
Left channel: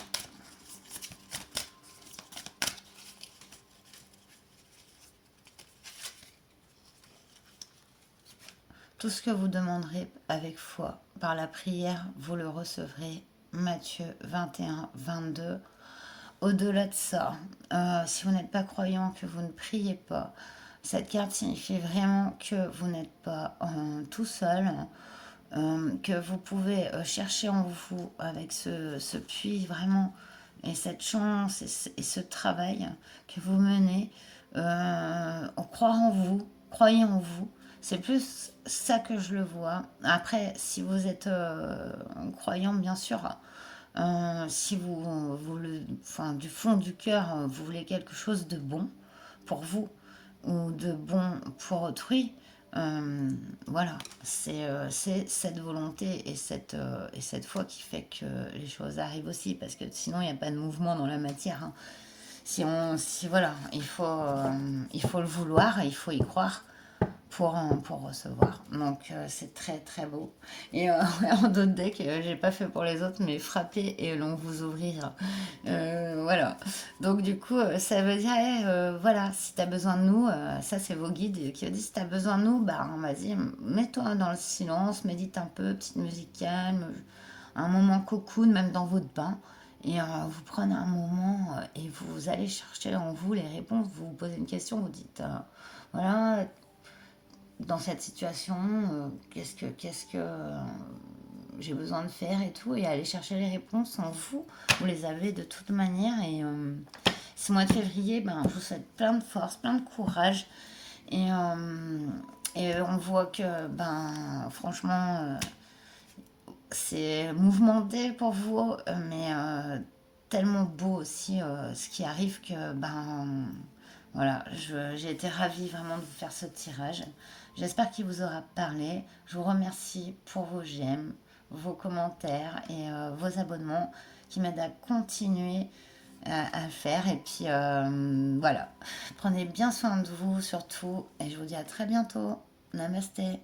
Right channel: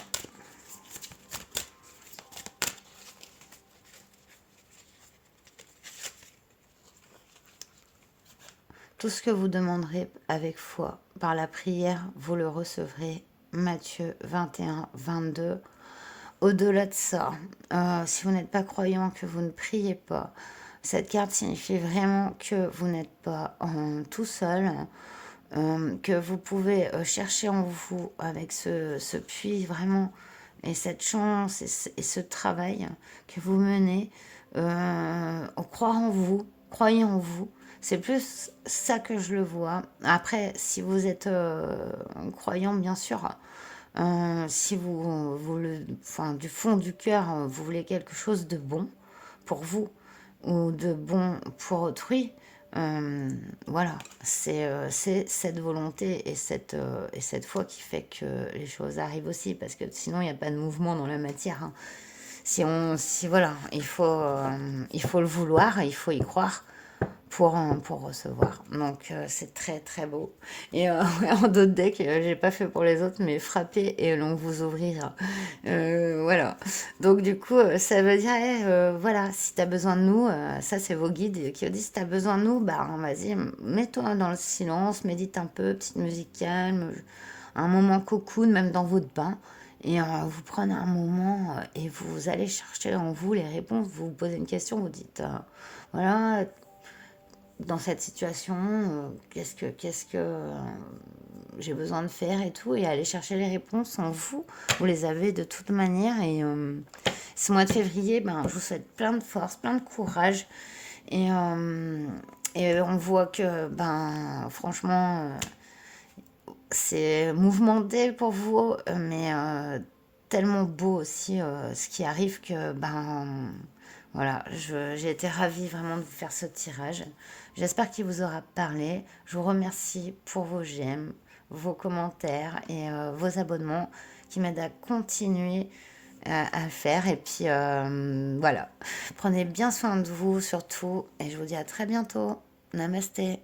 Tout ce que vous demanderez avec foi par la prière, vous le recevrez. Matthieu 21, 22. Au-delà de ça, si vous n'êtes pas croyant, que vous ne priez pas, cette carte signifie vraiment que vous n'êtes pas tout seul, que vous pouvez chercher en vous avec ce puits vraiment, et cette chance et ce travail que vous menez, croire en vous, croyez en vous. C'est plus ça que je le vois. Après, si vous êtes croyant, bien sûr, si enfin, du fond du cœur, vous voulez quelque chose de bon pour vous ou de bon pour autrui, voilà, c'est cette volonté et cette foi qui fait que les choses arrivent aussi, parce que sinon il n'y a pas de mouvement dans la matière, hein. Si voilà, il faut le vouloir, il faut y croire pour recevoir. Donc c'est très très beau. Et en d'autres decks, j'ai pas fait pour les autres, mais frapper et l'on vous ouvrir. Voilà. Donc du coup, ça veut dire, voilà, si tu as besoin de nous, ça c'est vos guides qui vous disent, si tu as besoin de nous, bah vas-y, mets-toi dans le silence, médite un peu, petite musique calme, un moment cocoon, même dans votre bain. Et vous prenez un moment et vous allez chercher en vous les réponses. Vous vous posez une question, vous dites, voilà, dans cette situation, qu'est-ce que j'ai besoin de faire et tout, et aller chercher les réponses en vous. Vous les avez de toute manière. Et ce mois de février, ben, je vous souhaite plein de force, plein de courage. Et on voit que, ben, franchement, c'est mouvementé pour vous, mais tellement beau aussi ce qui arrive que, voilà, j'ai été ravie vraiment de vous faire ce tirage. J'espère qu'il vous aura parlé. Je vous remercie pour vos j'aime, vos commentaires et vos abonnements qui m'aident à continuer à le faire. Et puis voilà, prenez bien soin de vous surtout et je vous dis à très bientôt. Namasté.